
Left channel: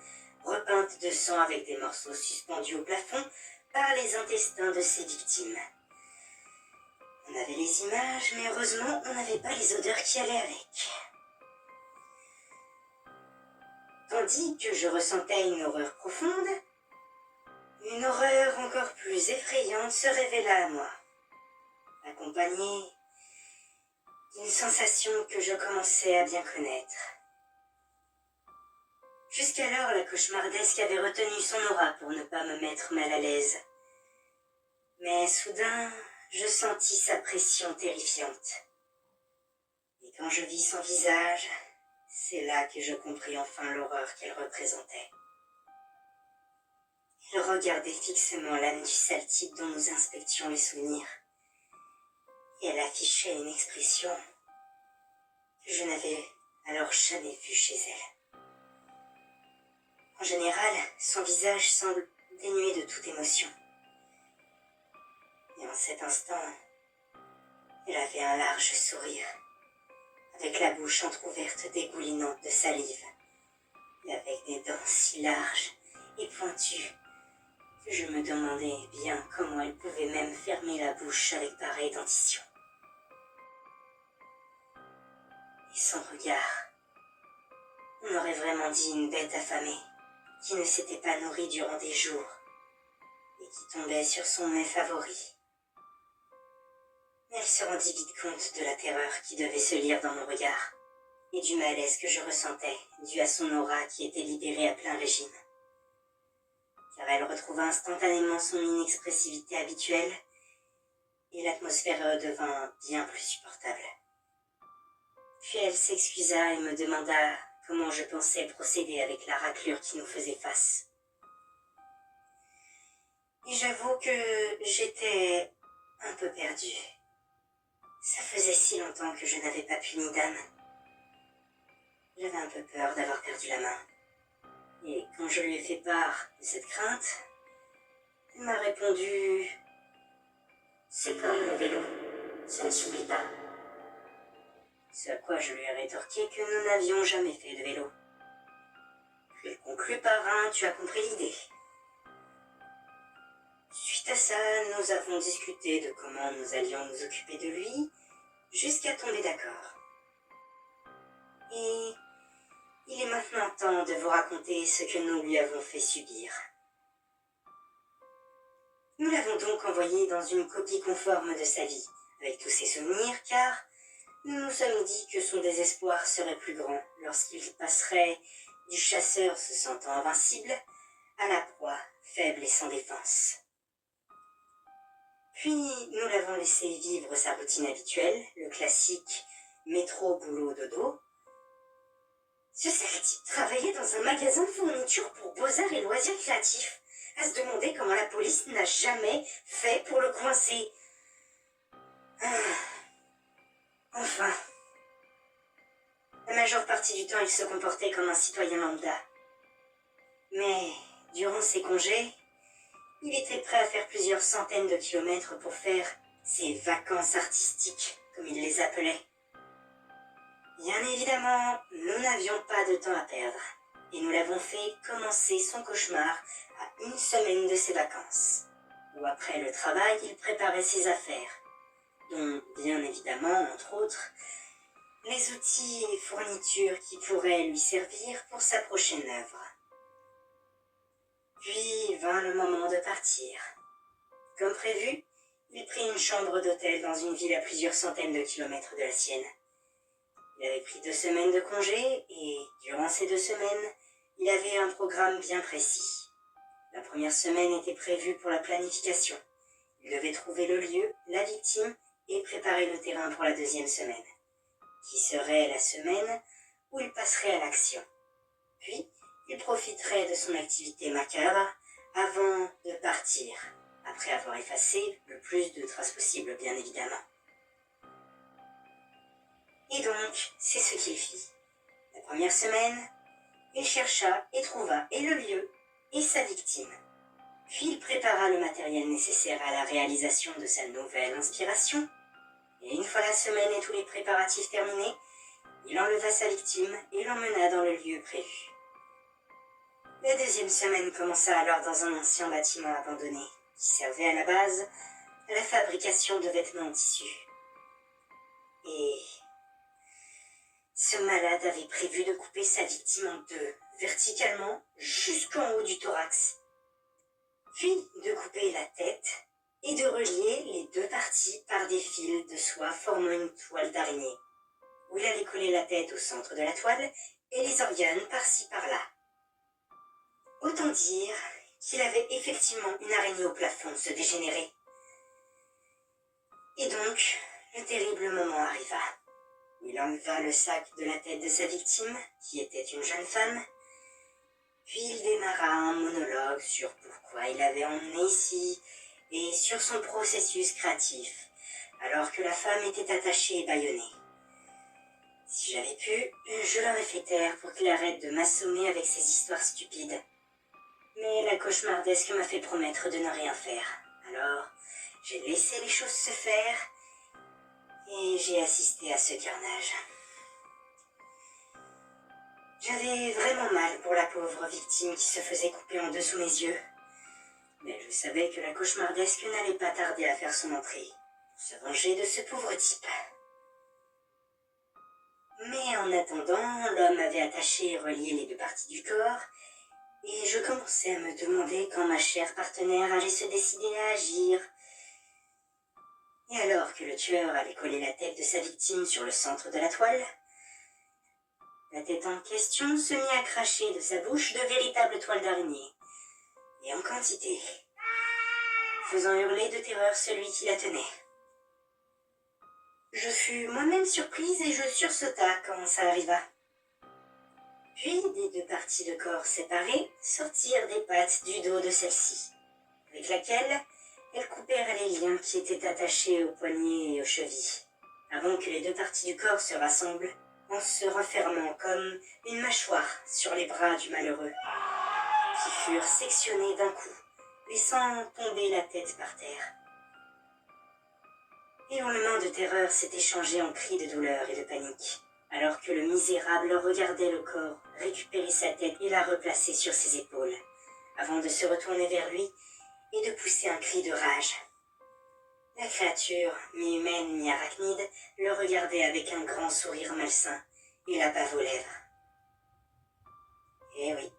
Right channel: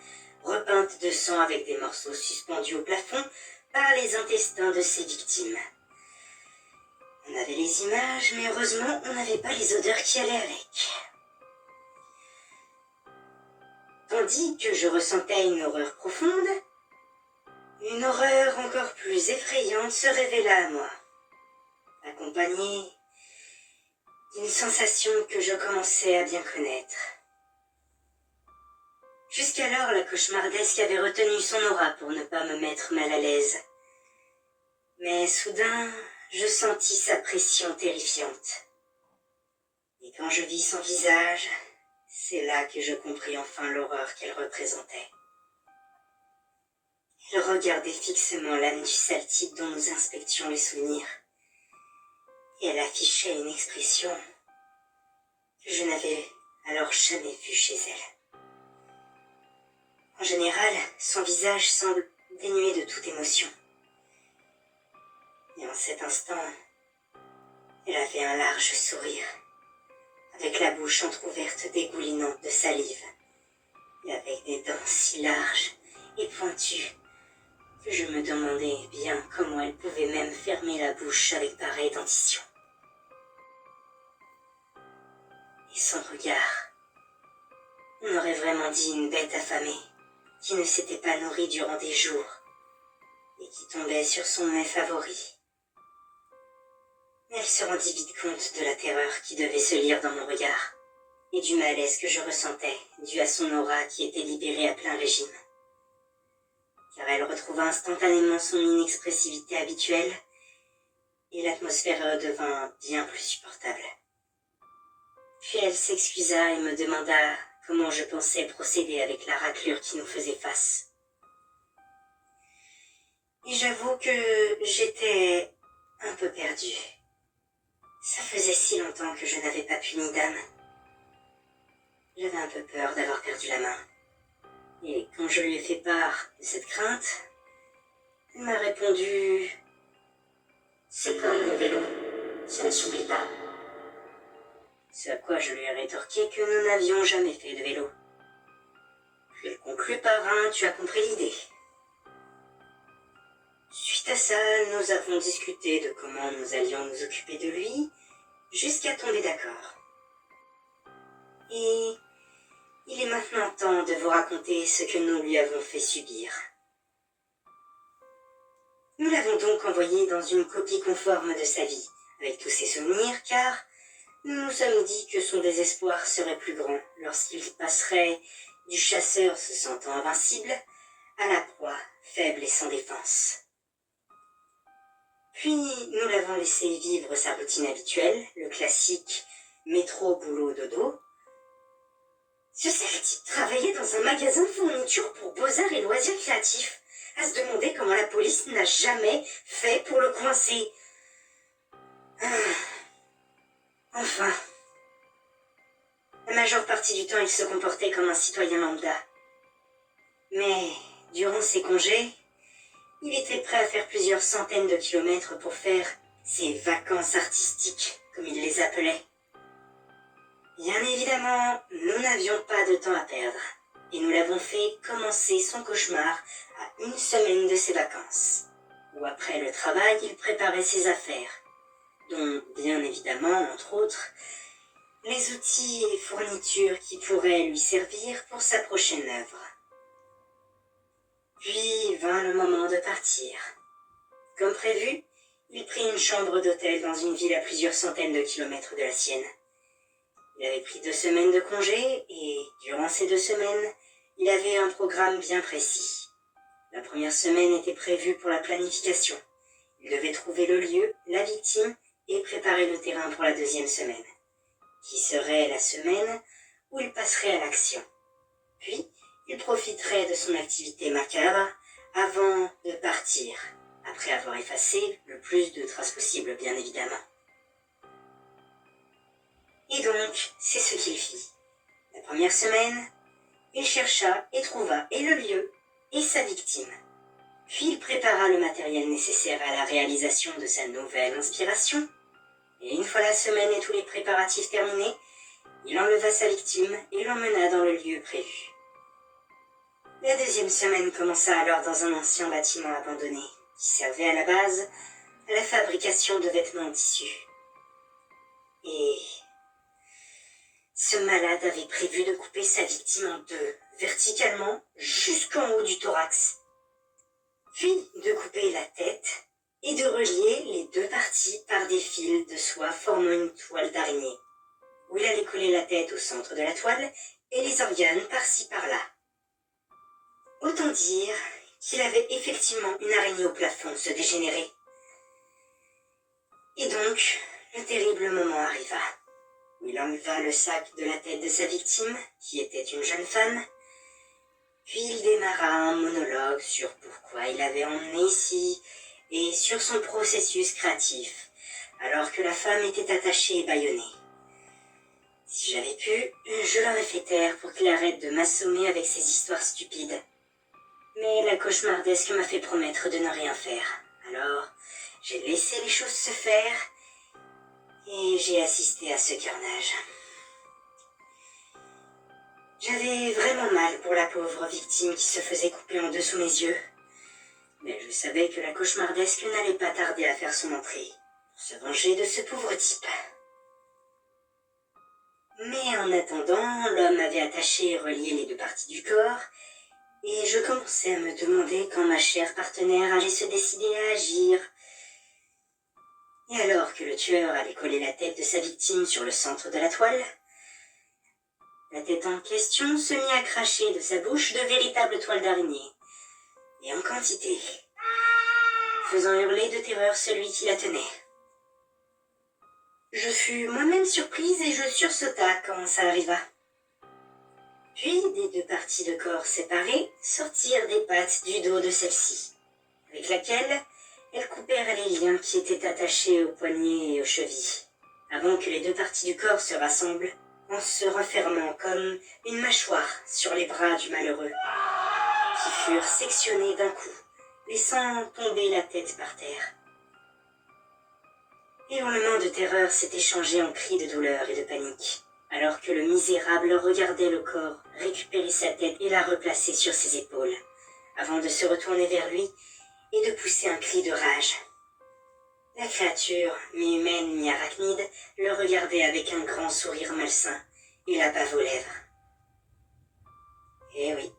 repeintes de sang avec des morceaux suspendus au plafond par les intestins de ses victimes. On avait les images, mais heureusement, on n'avait pas les odeurs qui allaient avec. Tandis que je ressentais une horreur profonde, une horreur encore plus effrayante se révéla à moi, accompagnée d'une sensation que je commençais à bien connaître. Jusqu'alors, la cauchemardesque avait retenu son aura pour ne pas me mettre mal à l'aise. Mais soudain, je sentis sa pression terrifiante. Et quand je vis son visage, c'est là que je compris enfin l'horreur qu'elle représentait. Elle regardait fixement l'âme du sale type dont nous inspections les souvenirs. Et elle affichait une expression que je n'avais alors jamais vue chez elle. En général, son visage semble dénué de toute émotion. Et en cet instant, elle avait un large sourire, avec la bouche entr'ouverte dégoulinante de salive, et avec des dents si larges et pointues que je me demandais bien comment elle pouvait même fermer la bouche avec pareille dentition. Et son regard, on aurait vraiment dit une bête affamée, qui ne s'était pas nourrie durant des jours, et qui tombait sur son mets favori. Mais elle se rendit vite compte de la terreur qui devait se lire dans mon regard, et du malaise que je ressentais, dû à son aura qui était libérée à plein régime. Car elle retrouva instantanément son inexpressivité habituelle, et l'atmosphère devint bien plus supportable. Puis elle s'excusa et me demanda comment je pensais procéder avec la raclure qui nous faisait face. Et j'avoue que j'étais un peu perdue. Ça faisait si longtemps que je n'avais pas puni d'âme. J'avais un peu peur d'avoir perdu la main. Et quand je lui ai fait part de cette crainte, elle m'a répondu « C'est comme le vélo, ça ne s'oublie pas. » Ce à quoi je lui ai rétorqué que nous n'avions jamais fait de vélo. Puis elle conclut par un « tu as compris l'idée ». Suite à ça, nous avons discuté de comment nous allions nous occuper de lui, jusqu'à tomber d'accord. Et il est maintenant temps de vous raconter ce que nous lui avons fait subir. Nous l'avons donc envoyé dans une copie conforme de sa vie, avec tous ses souvenirs, car nous nous sommes dit que son désespoir serait plus grand lorsqu'il passerait du chasseur se sentant invincible à la proie faible et sans défense. Puis nous l'avons laissé vivre sa routine habituelle, le classique métro, boulot, dodo. Ce sale type travaillait dans un magasin de fournitures pour beaux-arts et loisirs créatifs, à se demander comment la police n'a jamais fait pour le coincer. Enfin, la majeure partie du temps, il se comportait comme un citoyen lambda. Mais durant ses congés, il était prêt à faire plusieurs centaines de kilomètres pour faire ses vacances artistiques, comme il les appelait. Bien évidemment, nous n'avions pas de temps à perdre, et nous l'avons fait commencer son cauchemar à 1 semaine de ses vacances, où après le travail, il préparait ses affaires, dont, bien évidemment, entre autres, les outils et fournitures qui pourraient lui servir pour sa prochaine œuvre. Puis vint le moment de partir. Comme prévu, il prit une chambre d'hôtel dans une ville à plusieurs centaines de kilomètres de la sienne. Il avait pris 2 semaines de congé et, durant ces 2 semaines, il avait un programme bien précis. La première semaine était prévue pour la planification. Il devait trouver le lieu, la victime et préparer le terrain pour la 2e semaine, qui serait la semaine où il passerait à l'action. Puis, il profiterait de son activité macabre avant de partir, après avoir effacé le plus de traces possible, bien évidemment. Et donc, c'est ce qu'il fit. La première semaine, il chercha et trouva et le lieu et sa victime. Puis il prépara le matériel nécessaire à la réalisation de sa nouvelle inspiration. Et une fois la semaine et tous les préparatifs terminés, il enleva sa victime et l'emmena dans le lieu prévu. La 2e semaine commença alors dans un ancien bâtiment abandonné, qui servait à la base à la fabrication de vêtements en tissu. Et ce malade avait prévu de couper sa victime en 2, verticalement, jusqu'en haut du thorax. Puis de couper la tête et de relier les 2 parties par des fils de soie formant une toile d'araignée, où il allait coller la tête au centre de la toile et les organes par-ci par-là. Autant dire qu'il avait effectivement une araignée au plafond se dégénérer. Et donc, le terrible moment arriva, où il enleva le sac de la tête de sa victime, qui était une jeune femme, puis il démarra un monologue sur pourquoi il l'avait emmenée ici et sur son processus créatif, alors que la femme était attachée et bâillonnée. Si j'avais pu, je l'aurais fait taire pour qu'il arrête de m'assommer avec ses histoires stupides. Mais la cauchemardesque m'a fait promettre de ne rien faire. Alors, j'ai laissé les choses se faire et j'ai assisté à ce carnage. J'avais vraiment mal pour la pauvre victime qui se faisait couper en 2 sous mes yeux. Mais je savais que la cauchemardesque n'allait pas tarder à faire son entrée, pour se venger de ce pauvre type. Mais en attendant, l'homme avait attaché et relié les 2 parties du corps, et je commençais à me demander quand ma chère partenaire allait se décider à agir. Et alors que le tueur allait coller la tête de sa victime sur le centre de la toile, la tête en question se mit à cracher de sa bouche de véritables toiles d'araignée, et en quantité, faisant hurler de terreur celui qui la tenait. Je fus moi-même surprise et je sursauta quand ça arriva. Puis, des 2 parties de corps séparées, sortirent des pattes du dos de celle-ci, avec laquelle elles coupèrent les liens qui étaient attachés aux poignets et aux chevilles, avant que les 2 parties du corps se rassemblent, en se refermant comme une mâchoire sur les bras du malheureux, qui furent sectionnés d'un coup, laissant tomber la tête par terre. Les hurlements de terreur s'étaient changés en cris de douleur et de panique, alors que le misérable regardait le corps récupérer sa tête et la replacer sur ses épaules, avant de se retourner vers lui et de pousser un cri de rage. La créature, mi-humaine, mi-arachnide, le regardait avec un grand sourire malsain et la bave aux lèvres. Eh oui,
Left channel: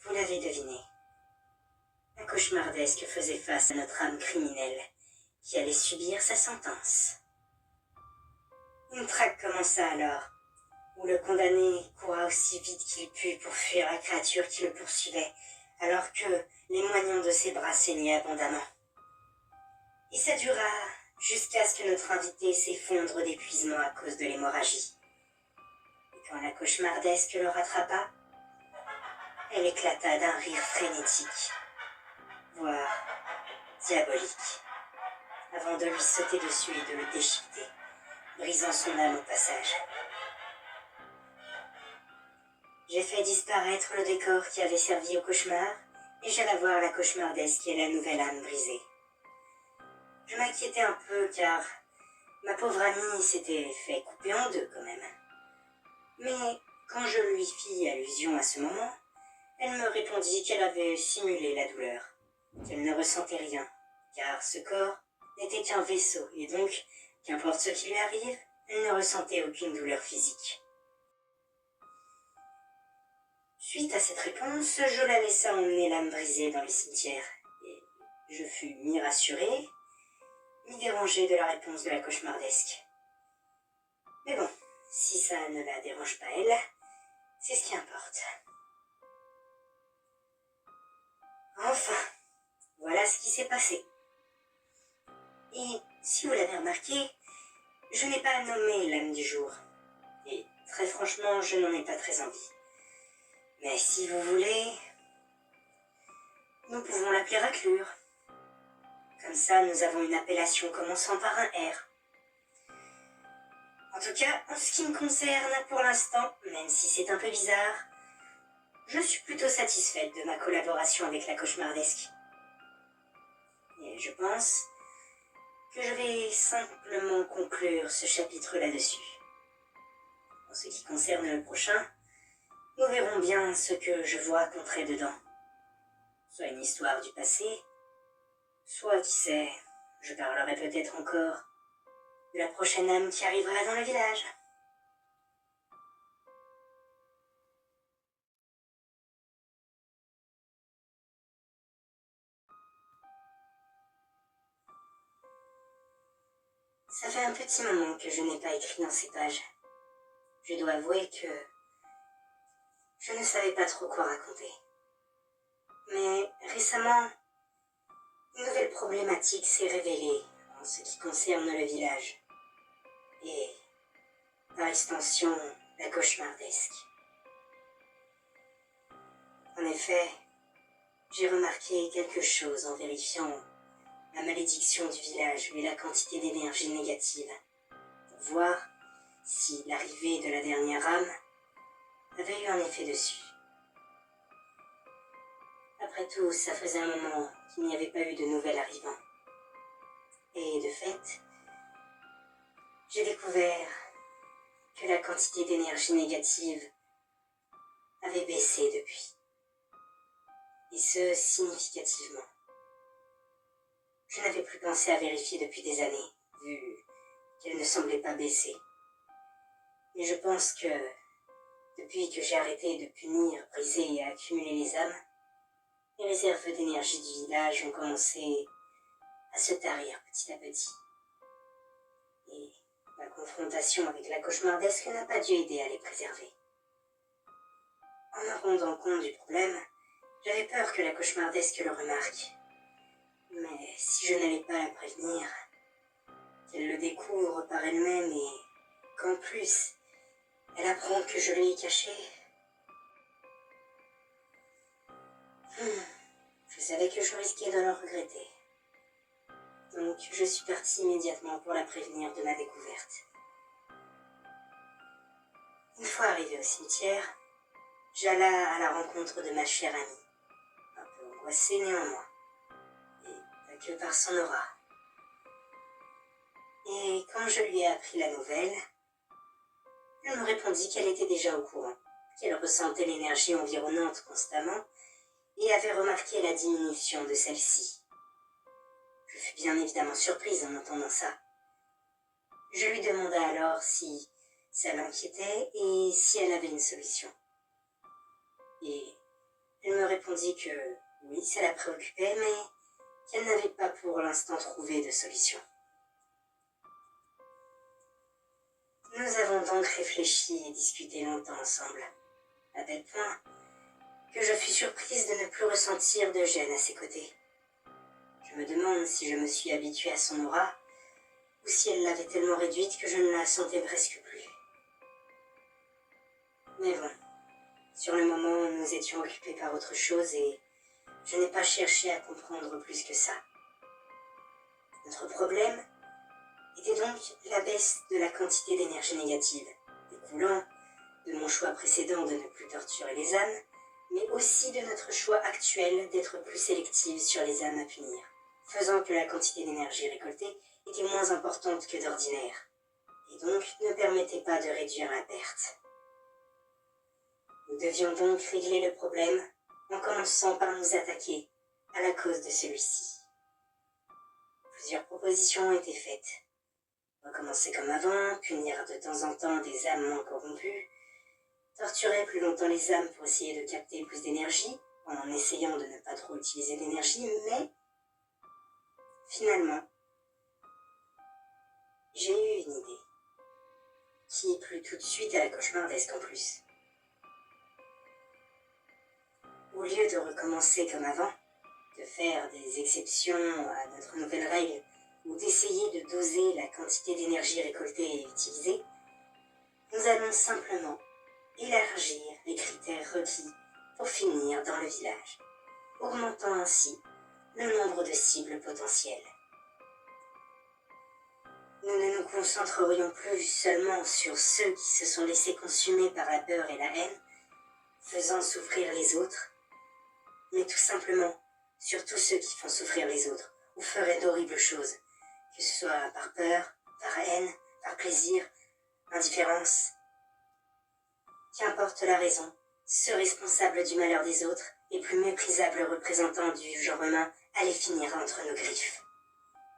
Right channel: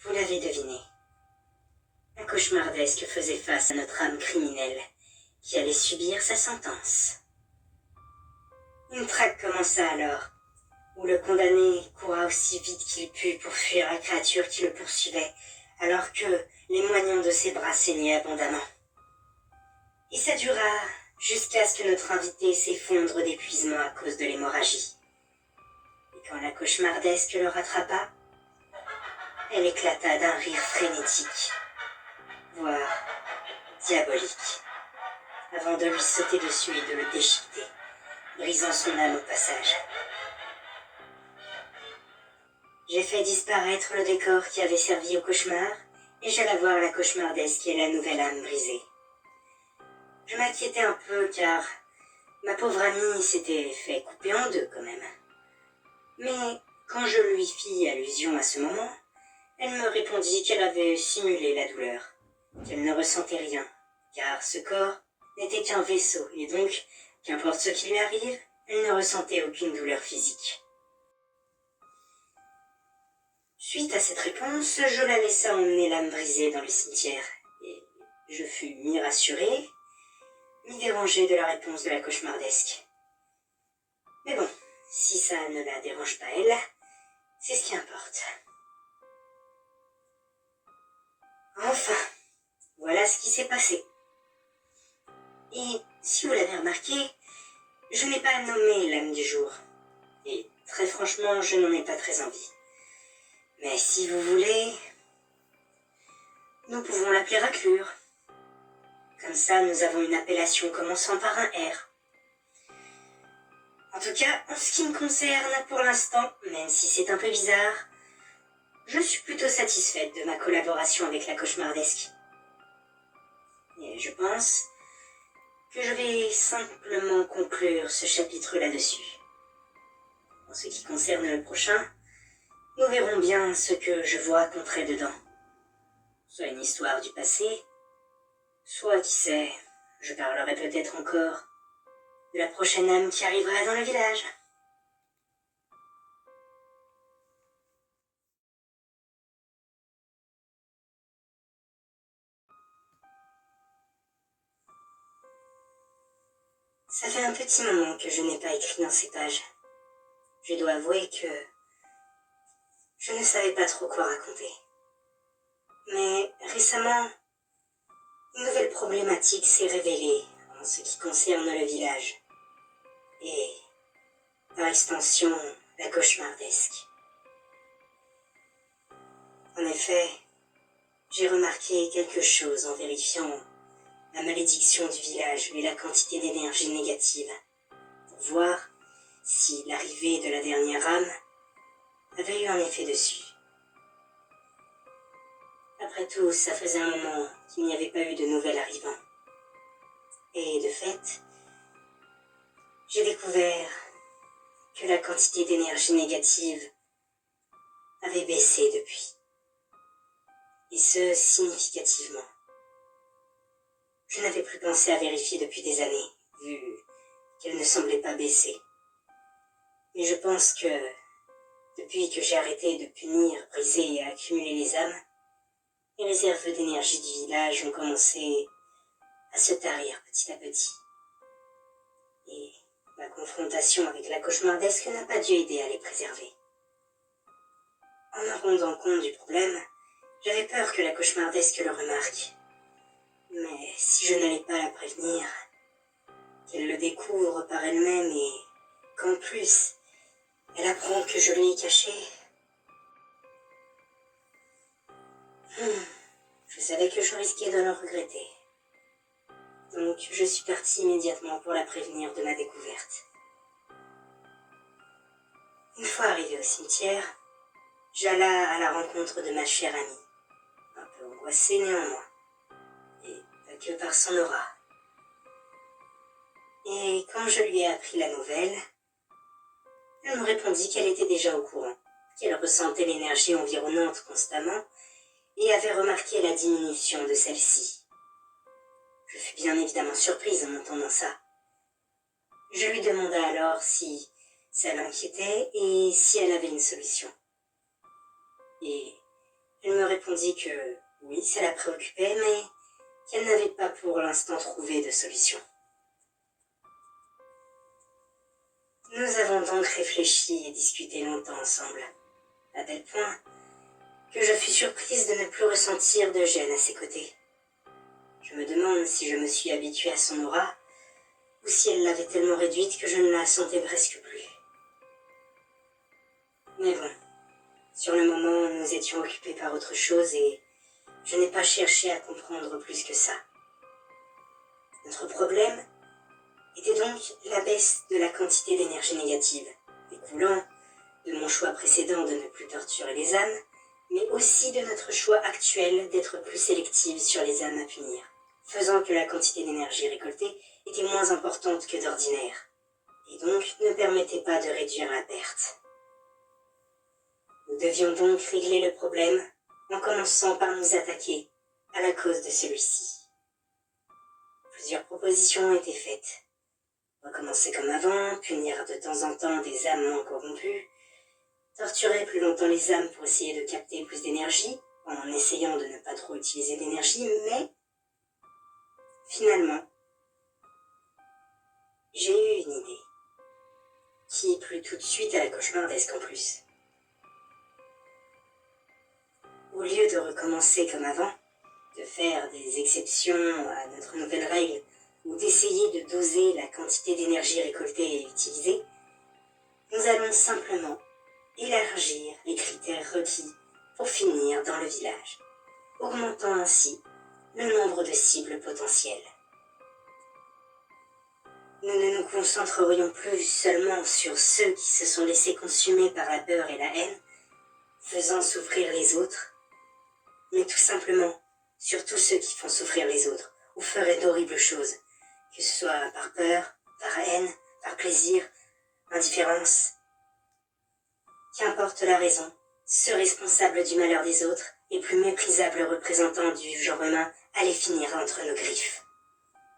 vous l'avez deviné. Un cauchemardesque faisait face à notre âme criminelle, qui allait subir sa sentence. Une traque commença alors, où le condamné coura aussi vite qu'il put pour fuir la créature qui le poursuivait, alors que les moignons de ses bras saignaient abondamment. Et ça dura jusqu'à ce que notre invité s'effondre d'épuisement à cause de l'hémorragie. Et quand la cauchemardesque le rattrapa, elle éclata d'un rire frénétique, voire diabolique, avant de lui sauter dessus et de le déchiqueter, brisant son âme au passage. J'ai fait disparaître le décor qui avait servi au cauchemar, et j'alla voir la cauchemardesque et la nouvelle âme brisée. Je m'inquiétais un peu car ma pauvre amie s'était fait couper en 2 quand même. Mais Quand je lui fis allusion à ce moment, elle me répondit qu'elle avait simulé la douleur, qu'elle ne ressentait rien, car ce corps n'était qu'un vaisseau, et donc, qu'importe ce qui lui arrive, elle ne ressentait aucune douleur physique. Suite à cette réponse, je la laissa emmener l'âme brisée dans le cimetière, et je fus mi-rassuré, mi-dérangé de la réponse de la cauchemardesque. Mais bon, si ça ne la dérange pas elle, c'est ce qui importe. Enfin, voilà ce qui s'est passé. Et si vous l'avez remarqué, je n'ai pas nommé l'âme du jour. Et très franchement, je n'en ai pas très envie. Mais si vous voulez, nous pouvons l'appeler Raclure. Comme ça, nous avons une appellation commençant par un R. En tout cas, en ce qui me concerne, pour l'instant, même si c'est un peu bizarre, je suis plutôt satisfaite de ma collaboration avec la cauchemardesque. Et je pense que je vais simplement conclure ce chapitre là-dessus. En ce qui concerne le prochain, nous verrons bien ce que je vous raconterai dedans. Soit une histoire du passé, soit, qui sait, je parlerai peut-être encore de la prochaine âme qui arrivera dans le village. Ça fait un petit moment que je n'ai pas écrit dans ces pages. Je dois avouer que je ne savais pas trop quoi raconter. Mais récemment, une nouvelle problématique s'est révélée en ce qui concerne le village. Et, par extension, la cauchemardesque. En effet, j'ai remarqué quelque chose en vérifiant la malédiction du village et la quantité d'énergie négative, pour voir si l'arrivée de la dernière âme avait eu un effet dessus. Après tout, ça faisait un moment qu'il n'y avait pas eu de nouvel arrivant. Et de fait, j'ai découvert que la quantité d'énergie négative avait baissé depuis. Et ce, significativement. Je n'avais plus pensé à vérifier depuis des années, vu qu'elle ne semblait pas baisser. Mais je pense que, depuis que j'ai arrêté de punir, briser et accumuler les âmes, les réserves d'énergie du village ont commencé à se tarir petit à petit. Et ma confrontation avec la cauchemardesque n'a pas dû aider à les préserver. En me rendant compte du problème, j'avais peur que la cauchemardesque le remarque. Mais si je n'allais pas la prévenir, qu'elle le découvre par elle-même et qu'en plus, elle apprend que je lui ai caché. Je savais que je risquais de le regretter. Donc je suis partie immédiatement pour la prévenir de ma découverte. Une fois arrivée au cimetière, j'alla à la rencontre de ma chère amie, un peu angoissée néanmoins, et pas que par son aura. Et quand je lui ai appris la nouvelle, elle me répondit qu'elle était déjà au courant, qu'elle ressentait l'énergie environnante constamment et avait remarqué la diminution de celle-ci. Je fus bien évidemment surprise en entendant ça. Je lui demanda alors si ça l'inquiétait et si elle avait une solution. Et elle me répondit que oui, ça la préoccupait, mais qu'elle n'avait pas pour l'instant trouvé de solution. Nous avons donc réfléchi et discuté longtemps ensemble, à tel point que je fus surprise de ne plus ressentir de gêne à ses côtés. Je me demande si je me suis habituée à son aura, ou si elle l'avait tellement réduite que je ne la sentais presque plus. Mais bon, sur le moment, nous étions occupés par autre chose et je n'ai pas cherché à comprendre plus que ça. Notre problème était donc la baisse de la quantité d'énergie négative, découlant de mon choix précédent de ne plus torturer les âmes, mais aussi de notre choix actuel d'être plus sélective sur les âmes à punir, faisant que la quantité d'énergie récoltée était moins importante que d'ordinaire, et donc ne permettait pas de réduire la perte. Nous devions donc régler le problème en commençant par nous attaquer à la cause de celui-ci. Plusieurs propositions ont été faites. Recommencer comme avant, punir de temps en temps des âmes moins corrompues, torturer plus longtemps les âmes pour essayer de capter plus d'énergie, en essayant de ne pas trop utiliser d'énergie, mais finalement, j'ai eu une idée, qui plut tout de suite à la cauchemardesque en plus. Au lieu de recommencer comme avant, de faire des exceptions à notre nouvelle règle, ou d'essayer de doser la quantité d'énergie récoltée et utilisée, nous allons simplement élargir les critères requis pour finir dans le village, augmentant ainsi le nombre de cibles potentielles. Nous ne nous concentrerions plus seulement sur ceux qui se sont laissés consumer par la peur et la haine, faisant souffrir les autres, mais tout simplement sur tous ceux qui font souffrir les autres ou feraient d'horribles choses, que ce soit par peur, par haine, par plaisir, indifférence. Qu'importe la raison, ce responsable du malheur des autres et plus méprisable représentant du genre humain allait finir entre nos griffes,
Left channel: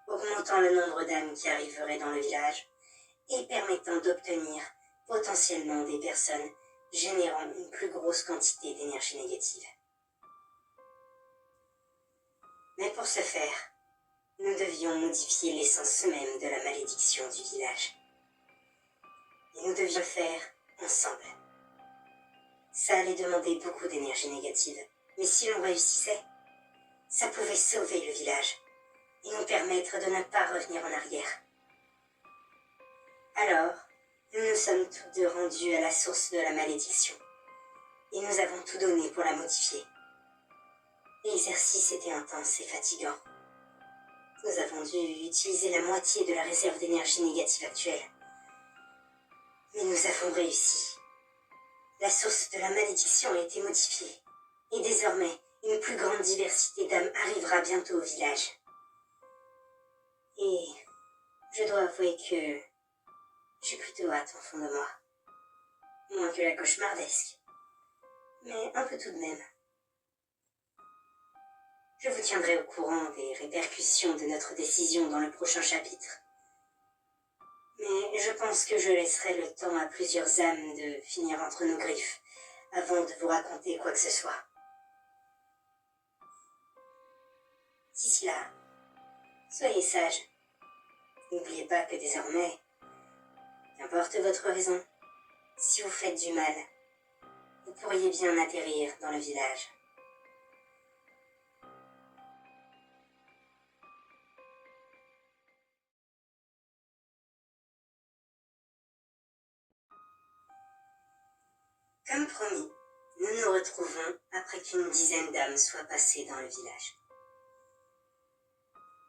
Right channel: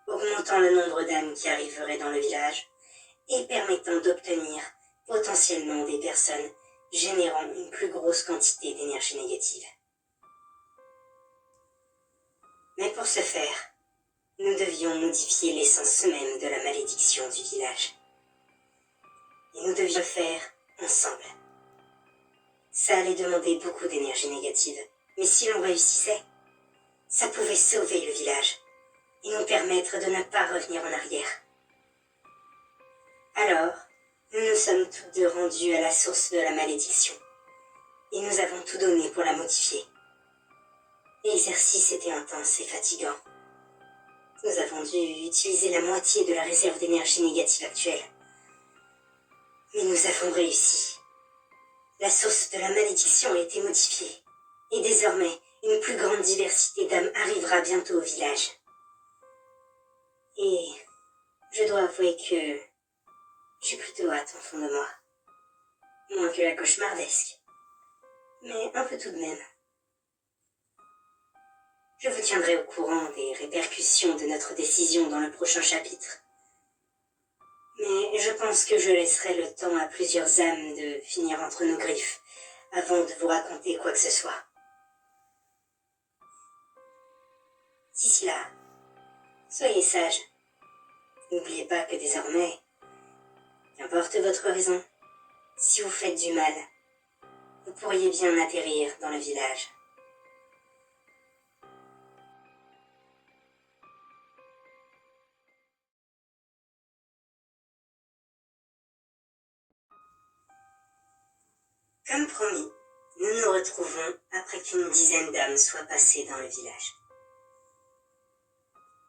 augmentant le nombre d'âmes qui arriveraient dans le village et permettant d'obtenir potentiellement des personnes générant une plus grosse quantité d'énergie négative. Mais pour ce faire, nous devions modifier l'essence même de la malédiction du village. Et nous devions le faire ensemble. Ça allait demander beaucoup d'énergie négative, mais si l'on réussissait, ça pouvait sauver le village et nous permettre de ne pas revenir en arrière. Alors, nous nous sommes toutes deux rendues à la source de la malédiction, et nous avons tout donné pour la modifier. L'exercice était intense et fatigant. Nous avons dû utiliser la moitié de la réserve d'énergie négative actuelle. Mais nous avons réussi. La source de la malédiction a été modifiée, et désormais, une plus grande diversité d'âmes arrivera bientôt au village. Et je dois avouer que j'ai plutôt hâte au fond de moi. Moins que la cauchemardesque, mais un peu tout de même. Je vous tiendrai au courant des répercussions de notre décision dans le prochain chapitre. Mais je pense que je laisserai le temps à plusieurs âmes de finir entre nos griffes avant de vous raconter quoi que ce soit. D'ici là, soyez sages. N'oubliez pas que désormais, qu'importe votre raison, si vous faites du mal, vous pourriez bien atterrir dans le village. Comme promis, nous nous retrouvons après qu'une dizaine d'âmes soient passées dans le village.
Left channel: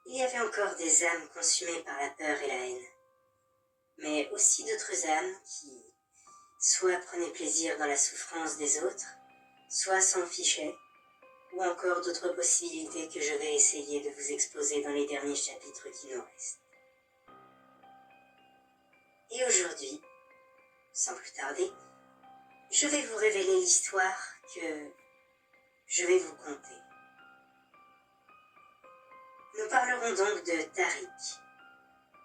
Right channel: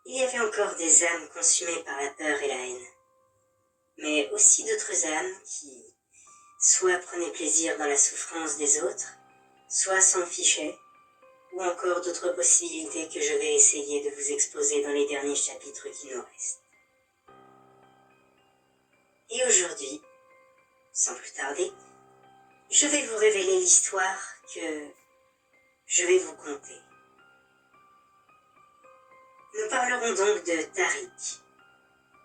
Il y avait encore des âmes consumées par la peur et la haine, mais aussi d'autres âmes qui soit prenaient plaisir dans la souffrance des autres, soit s'en fichaient, ou encore d'autres possibilités que je vais essayer de vous exposer dans les derniers chapitres qui nous restent. Et aujourd'hui, sans plus tarder, je vais vous révéler l'histoire que je vais vous conter. Nous parlerons donc de Tariq,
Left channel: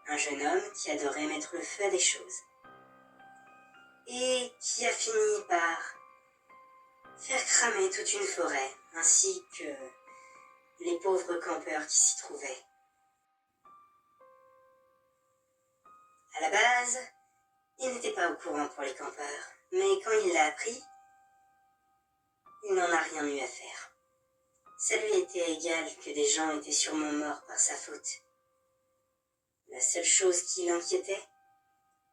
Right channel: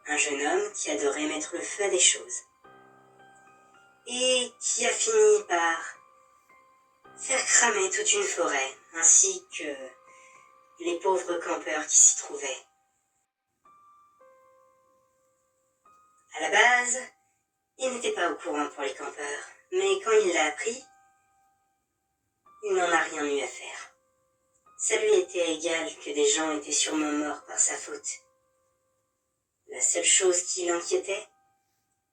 un jeune homme qui adorait mettre le feu à des choses, et qui a fini par faire cramer toute une forêt, ainsi que les pauvres campeurs qui s'y trouvaient. À la base, il n'était pas au courant pour les campeurs, mais quand il l'a appris, il n'en a rien eu à faire. Ça lui était égal que des gens étaient sûrement morts par sa faute. La seule chose qui l'inquiétait,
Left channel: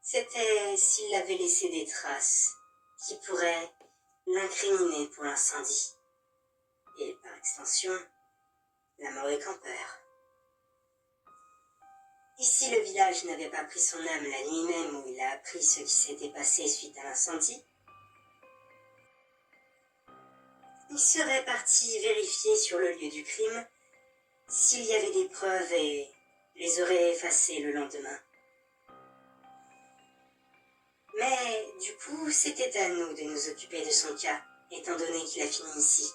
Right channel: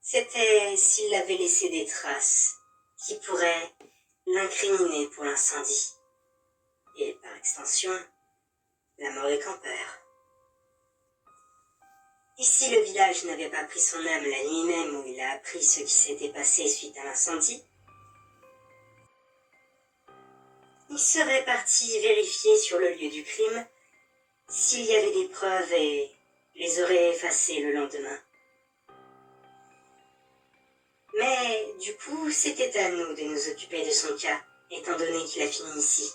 c'était s'il avait laissé des traces qui pourraient l'incriminer pour l'incendie, et par extension, la mort des campeurs. Et si le village n'avait pas pris son âme la nuit même où il a appris ce qui s'était passé suite à l'incendie, il serait parti vérifier sur le lieu du crime s'il y avait des preuves et les aurait effacées le lendemain. Mais du coup, c'était à nous de nous occuper de son cas, étant donné qu'il a fini ici.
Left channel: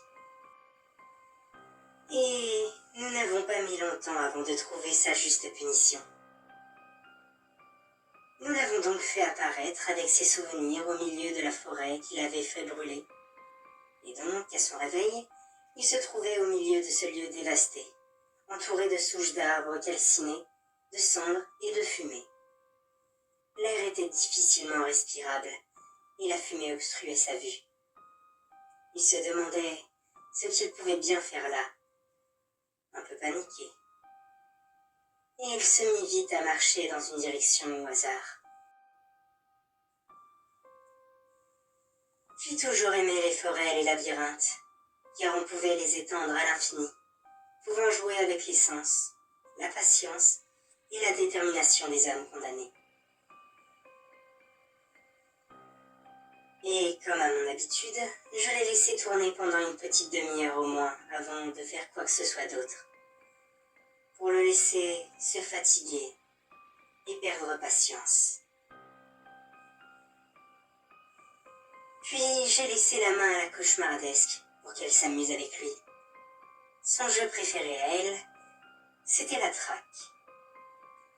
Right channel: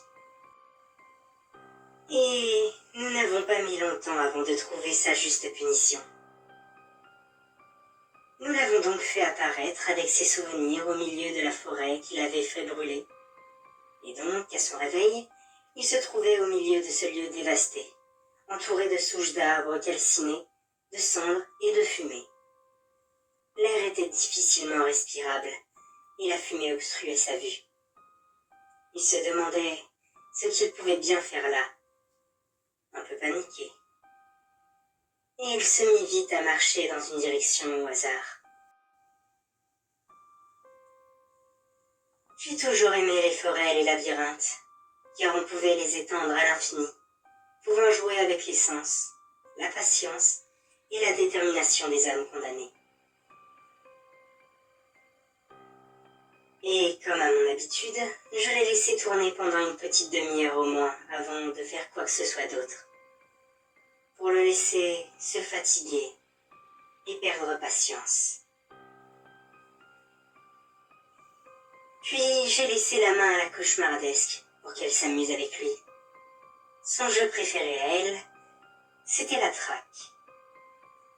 Et nous n'avons pas mis longtemps avant de trouver sa juste punition. Nous l'avons donc fait apparaître avec ses souvenirs au milieu de la forêt qu'il avait fait brûler. Et donc, à son réveil, il se trouvait au milieu de ce lieu dévasté, entouré de souches d'arbres calcinés, de cendres et de fumée. L'air était difficilement respirable, et la fumée obstruait sa vue. Il se demandait ce qu'il pouvait bien faire là, un peu paniqué. Et il se mit vite à marcher dans une direction au hasard. J'ai toujours aimé les forêts et les labyrinthes, car on pouvait les étendre à l'infini, pouvant jouer avec les sens, la patience et la détermination des âmes condamnées. Et comme à mon habitude, je l'ai laissé tourner pendant une petite demi-heure au moins avant de faire quoi que ce soit d'autre, pour le laisser se fatiguer et perdre patience. Puis j'ai laissé la main à la cauchemardesque pour qu'elle s'amuse avec lui. Son jeu préféré à elle, c'était la traque.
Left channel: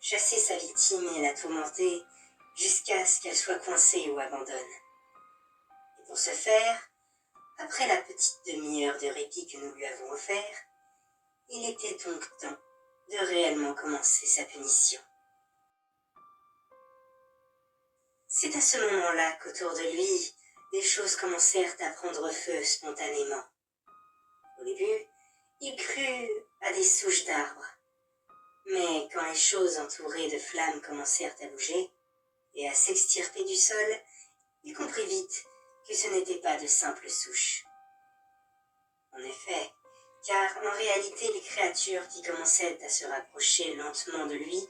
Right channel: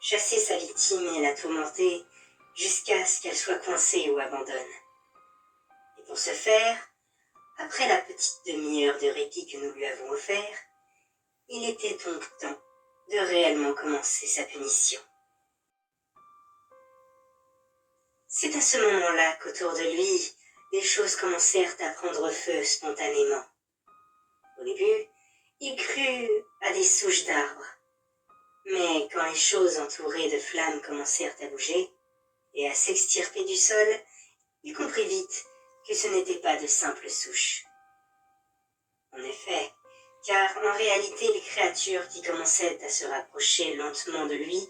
Chasser sa victime et la tourmenter jusqu'à ce qu'elle soit coincée ou abandonne. Et pour ce faire, après la petite demi-heure de répit que nous lui avons offert, il était donc temps de réellement commencer sa punition. C'est à ce moment-là qu'autour de lui, des choses commencèrent à prendre feu spontanément. Au début, il crut à des souches d'arbres. Mais quand les choses entourées de flammes commencèrent à bouger et à s'extirper du sol, il comprit vite que ce n'étaient pas de simples souches. En effet, car en réalité les créatures qui commençaient à se rapprocher lentement de lui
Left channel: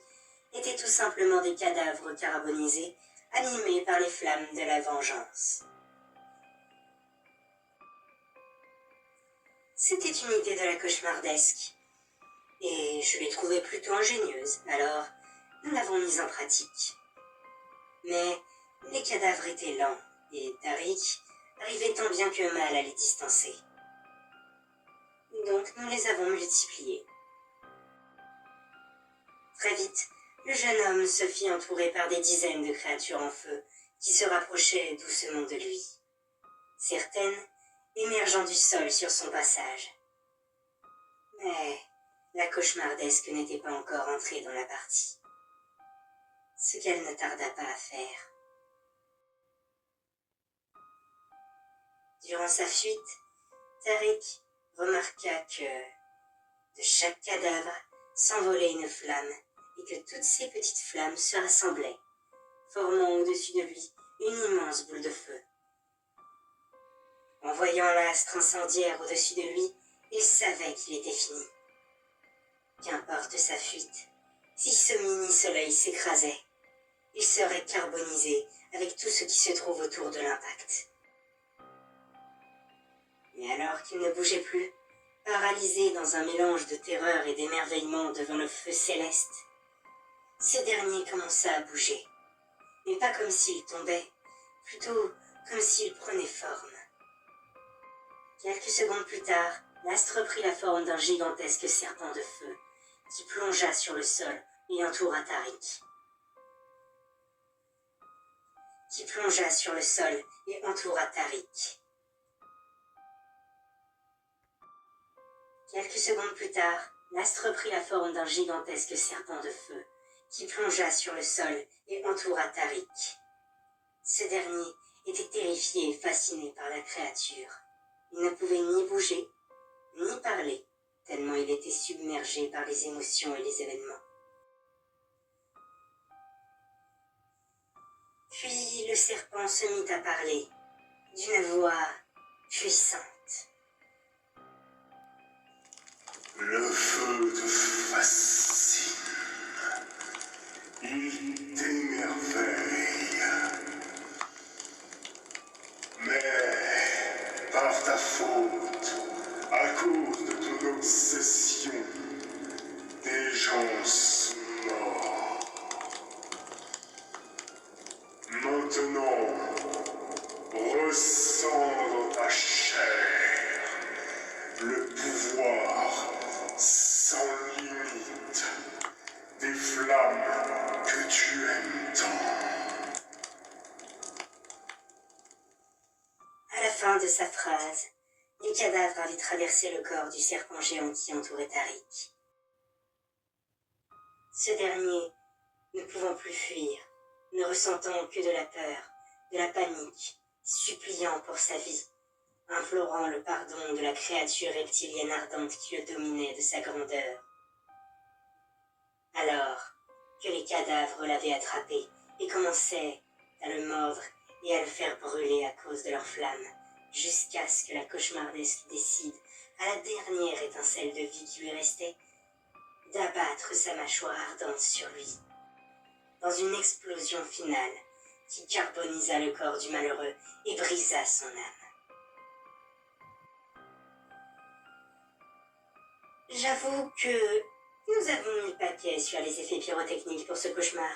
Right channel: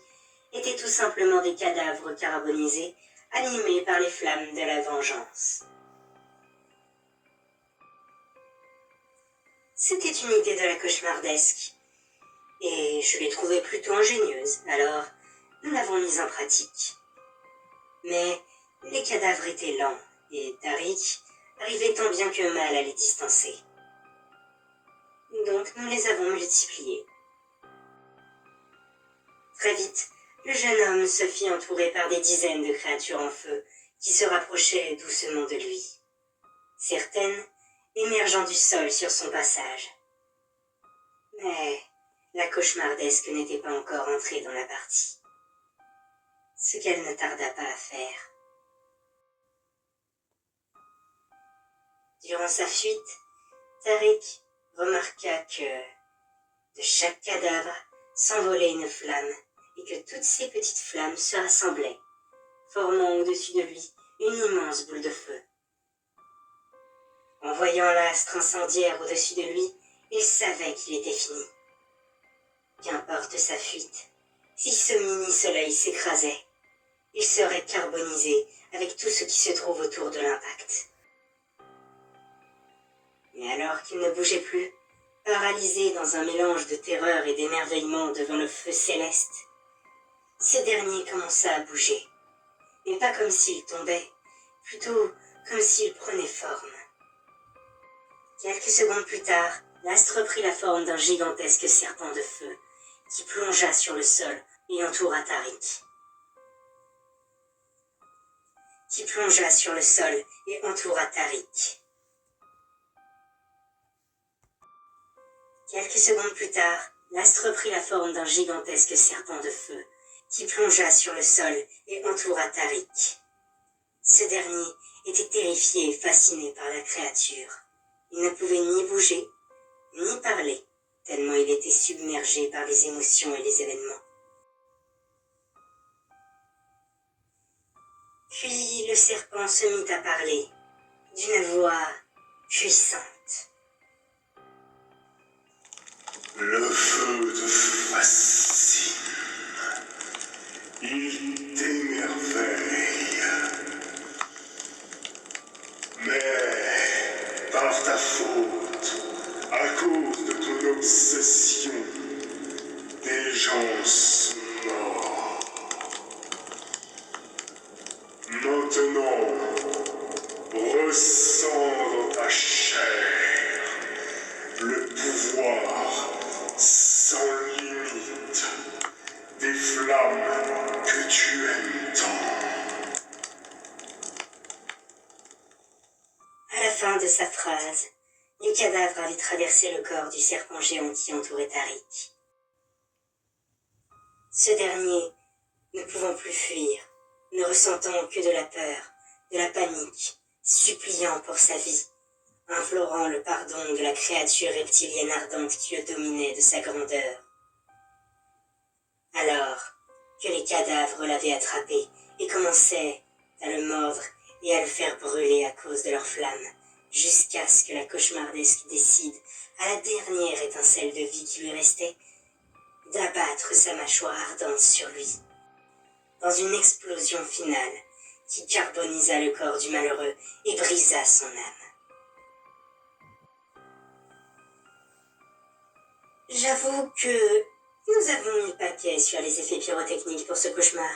étaient tout simplement des cadavres carbonisés animés par les flammes de la vengeance. C'était une idée de la cauchemardesque, et je l'ai trouvée plutôt ingénieuse, alors nous l'avons mise en pratique. Mais les cadavres étaient lents, et Tariq arrivait tant bien que mal à les distancer. Donc nous les avons multipliés. Très vite, le jeune homme se fit entourer par des dizaines de créatures en feu qui se rapprochaient doucement de lui. Certaines émergeant du sol sur son passage. Mais la cauchemardesque n'était pas encore entrée dans la partie. Ce qu'elle ne tarda pas à faire. Durant sa fuite, Tariq remarqua que de chaque cadavre s'envolait une flamme et que toutes ces petites flammes se rassemblaient, formant au-dessus de lui une immense boule de feu. En voyant l'astre incendiaire au-dessus de lui, il savait qu'il était fini. Qu'importe sa fuite, si ce mini-soleil s'écrasait, il serait carbonisé avec tout ce qui se trouve autour de l'impact. Mais alors qu'il ne bougeait plus, paralysé dans un mélange de terreur et d'émerveillement devant le feu céleste, ce dernier commença à bouger, mais pas comme s'il tombait, plutôt comme s'il prenait forme. Quelques secondes plus tard, l'astre prit la forme d'un gigantesque serpent de feu qui plongea sur le sol et entoura Tariq. Quelques secondes plus tard, l'astre prit la forme d'un gigantesque serpent de feu qui plongea sur le sol et entoura Tariq. Ce dernier était terrifié et fasciné par la créature. Il ne pouvait ni bouger, ni parler, tellement il était submergé par les émotions et les événements. Puis le serpent se mit à parler, d'une voix puissante. Le feu te fascine. Il t'émerveille. Mais par ta faute, à cause de ton obsession, des gens sont morts. Maintenant, flamme que tu aimes tant. À la fin de sa phrase, le cadavre avait traversé le corps du serpent géant qui entourait Tariq. Ce dernier, ne pouvant plus fuir, ne ressentant que de la peur, de la panique, suppliant pour sa vie, implorant le pardon de la créature reptilienne ardente qui le dominait de sa grandeur. Alors que les cadavres l'avaient attrapé et commençaient à le mordre et à le faire brûler à cause de leurs flammes, jusqu'à ce que la cauchemardesque décide, à la dernière étincelle de vie qui lui restait, d'abattre sa mâchoire ardente sur lui, dans une explosion finale qui carbonisa le corps du malheureux et brisa son âme. J'avoue que nous avons mis le paquet sur les effets pyrotechniques pour ce cauchemar.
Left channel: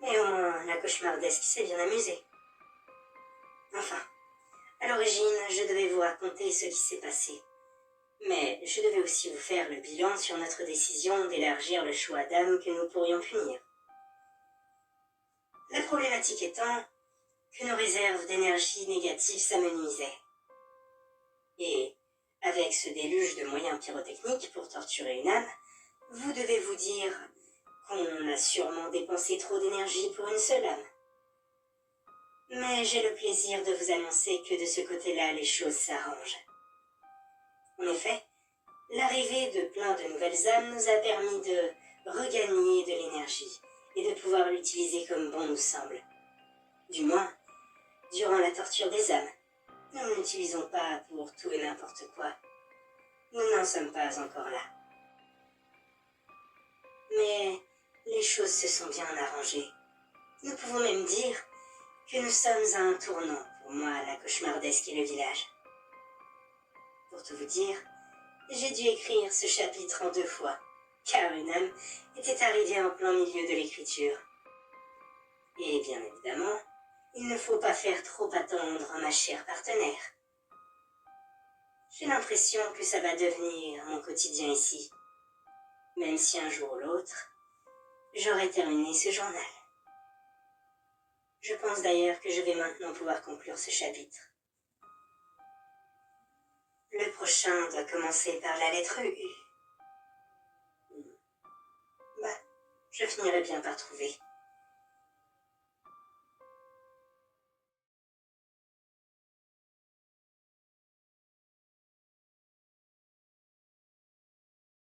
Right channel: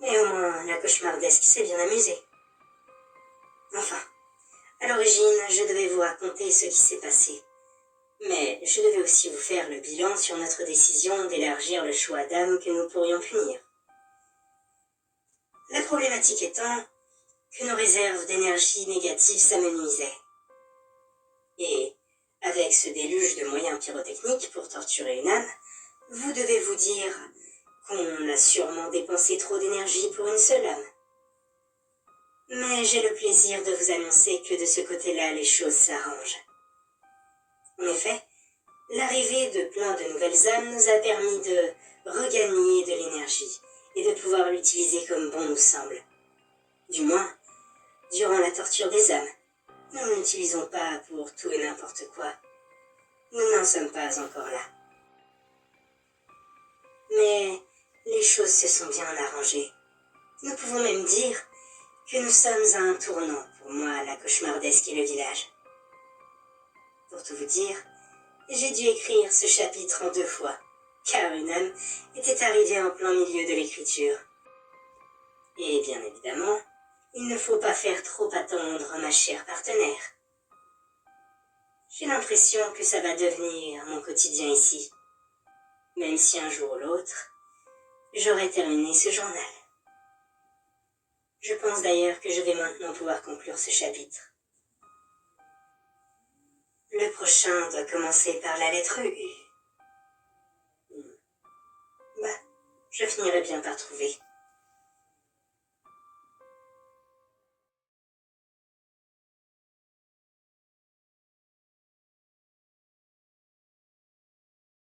Mais au moins, la cauchemardesque s'est bien amusée. Enfin, à l'origine, je devais vous raconter ce qui s'est passé. Mais je devais aussi vous faire le bilan sur notre décision d'élargir le choix d'âmes que nous pourrions punir. La problématique étant que nos réserves d'énergie négative s'amenuisaient. Et, avec ce déluge de moyens pyrotechniques pour torturer une âme, vous devez vous dire qu'on a sûrement dépensé trop d'énergie pour une seule âme. Mais j'ai le plaisir de vous annoncer que de ce côté-là, les choses s'arrangent. En effet, l'arrivée de plein de nouvelles âmes nous a permis de regagner de l'énergie et de pouvoir l'utiliser comme bon nous semble. Du moins, durant la torture des âmes, nous ne l'utilisons pas pour tout et n'importe quoi. Nous n'en sommes pas encore là. Mais les choses se sont bien arrangées. Nous pouvons même dire que nous sommes à un tournant pour moi, la cauchemardesque et le village. Pour tout vous dire, j'ai dû écrire ce chapitre en 2 fois, car une âme était arrivée en plein milieu de l'écriture. Et bien évidemment, il ne faut pas faire trop attendre ma chère partenaire. J'ai l'impression que ça va devenir mon quotidien ici, même si un jour ou l'autre, j'aurai terminé ce journal. Je pense d'ailleurs que je vais maintenant pouvoir conclure ce chapitre. Le prochain doit commencer par la lettre U. Je finirai bien par trouver.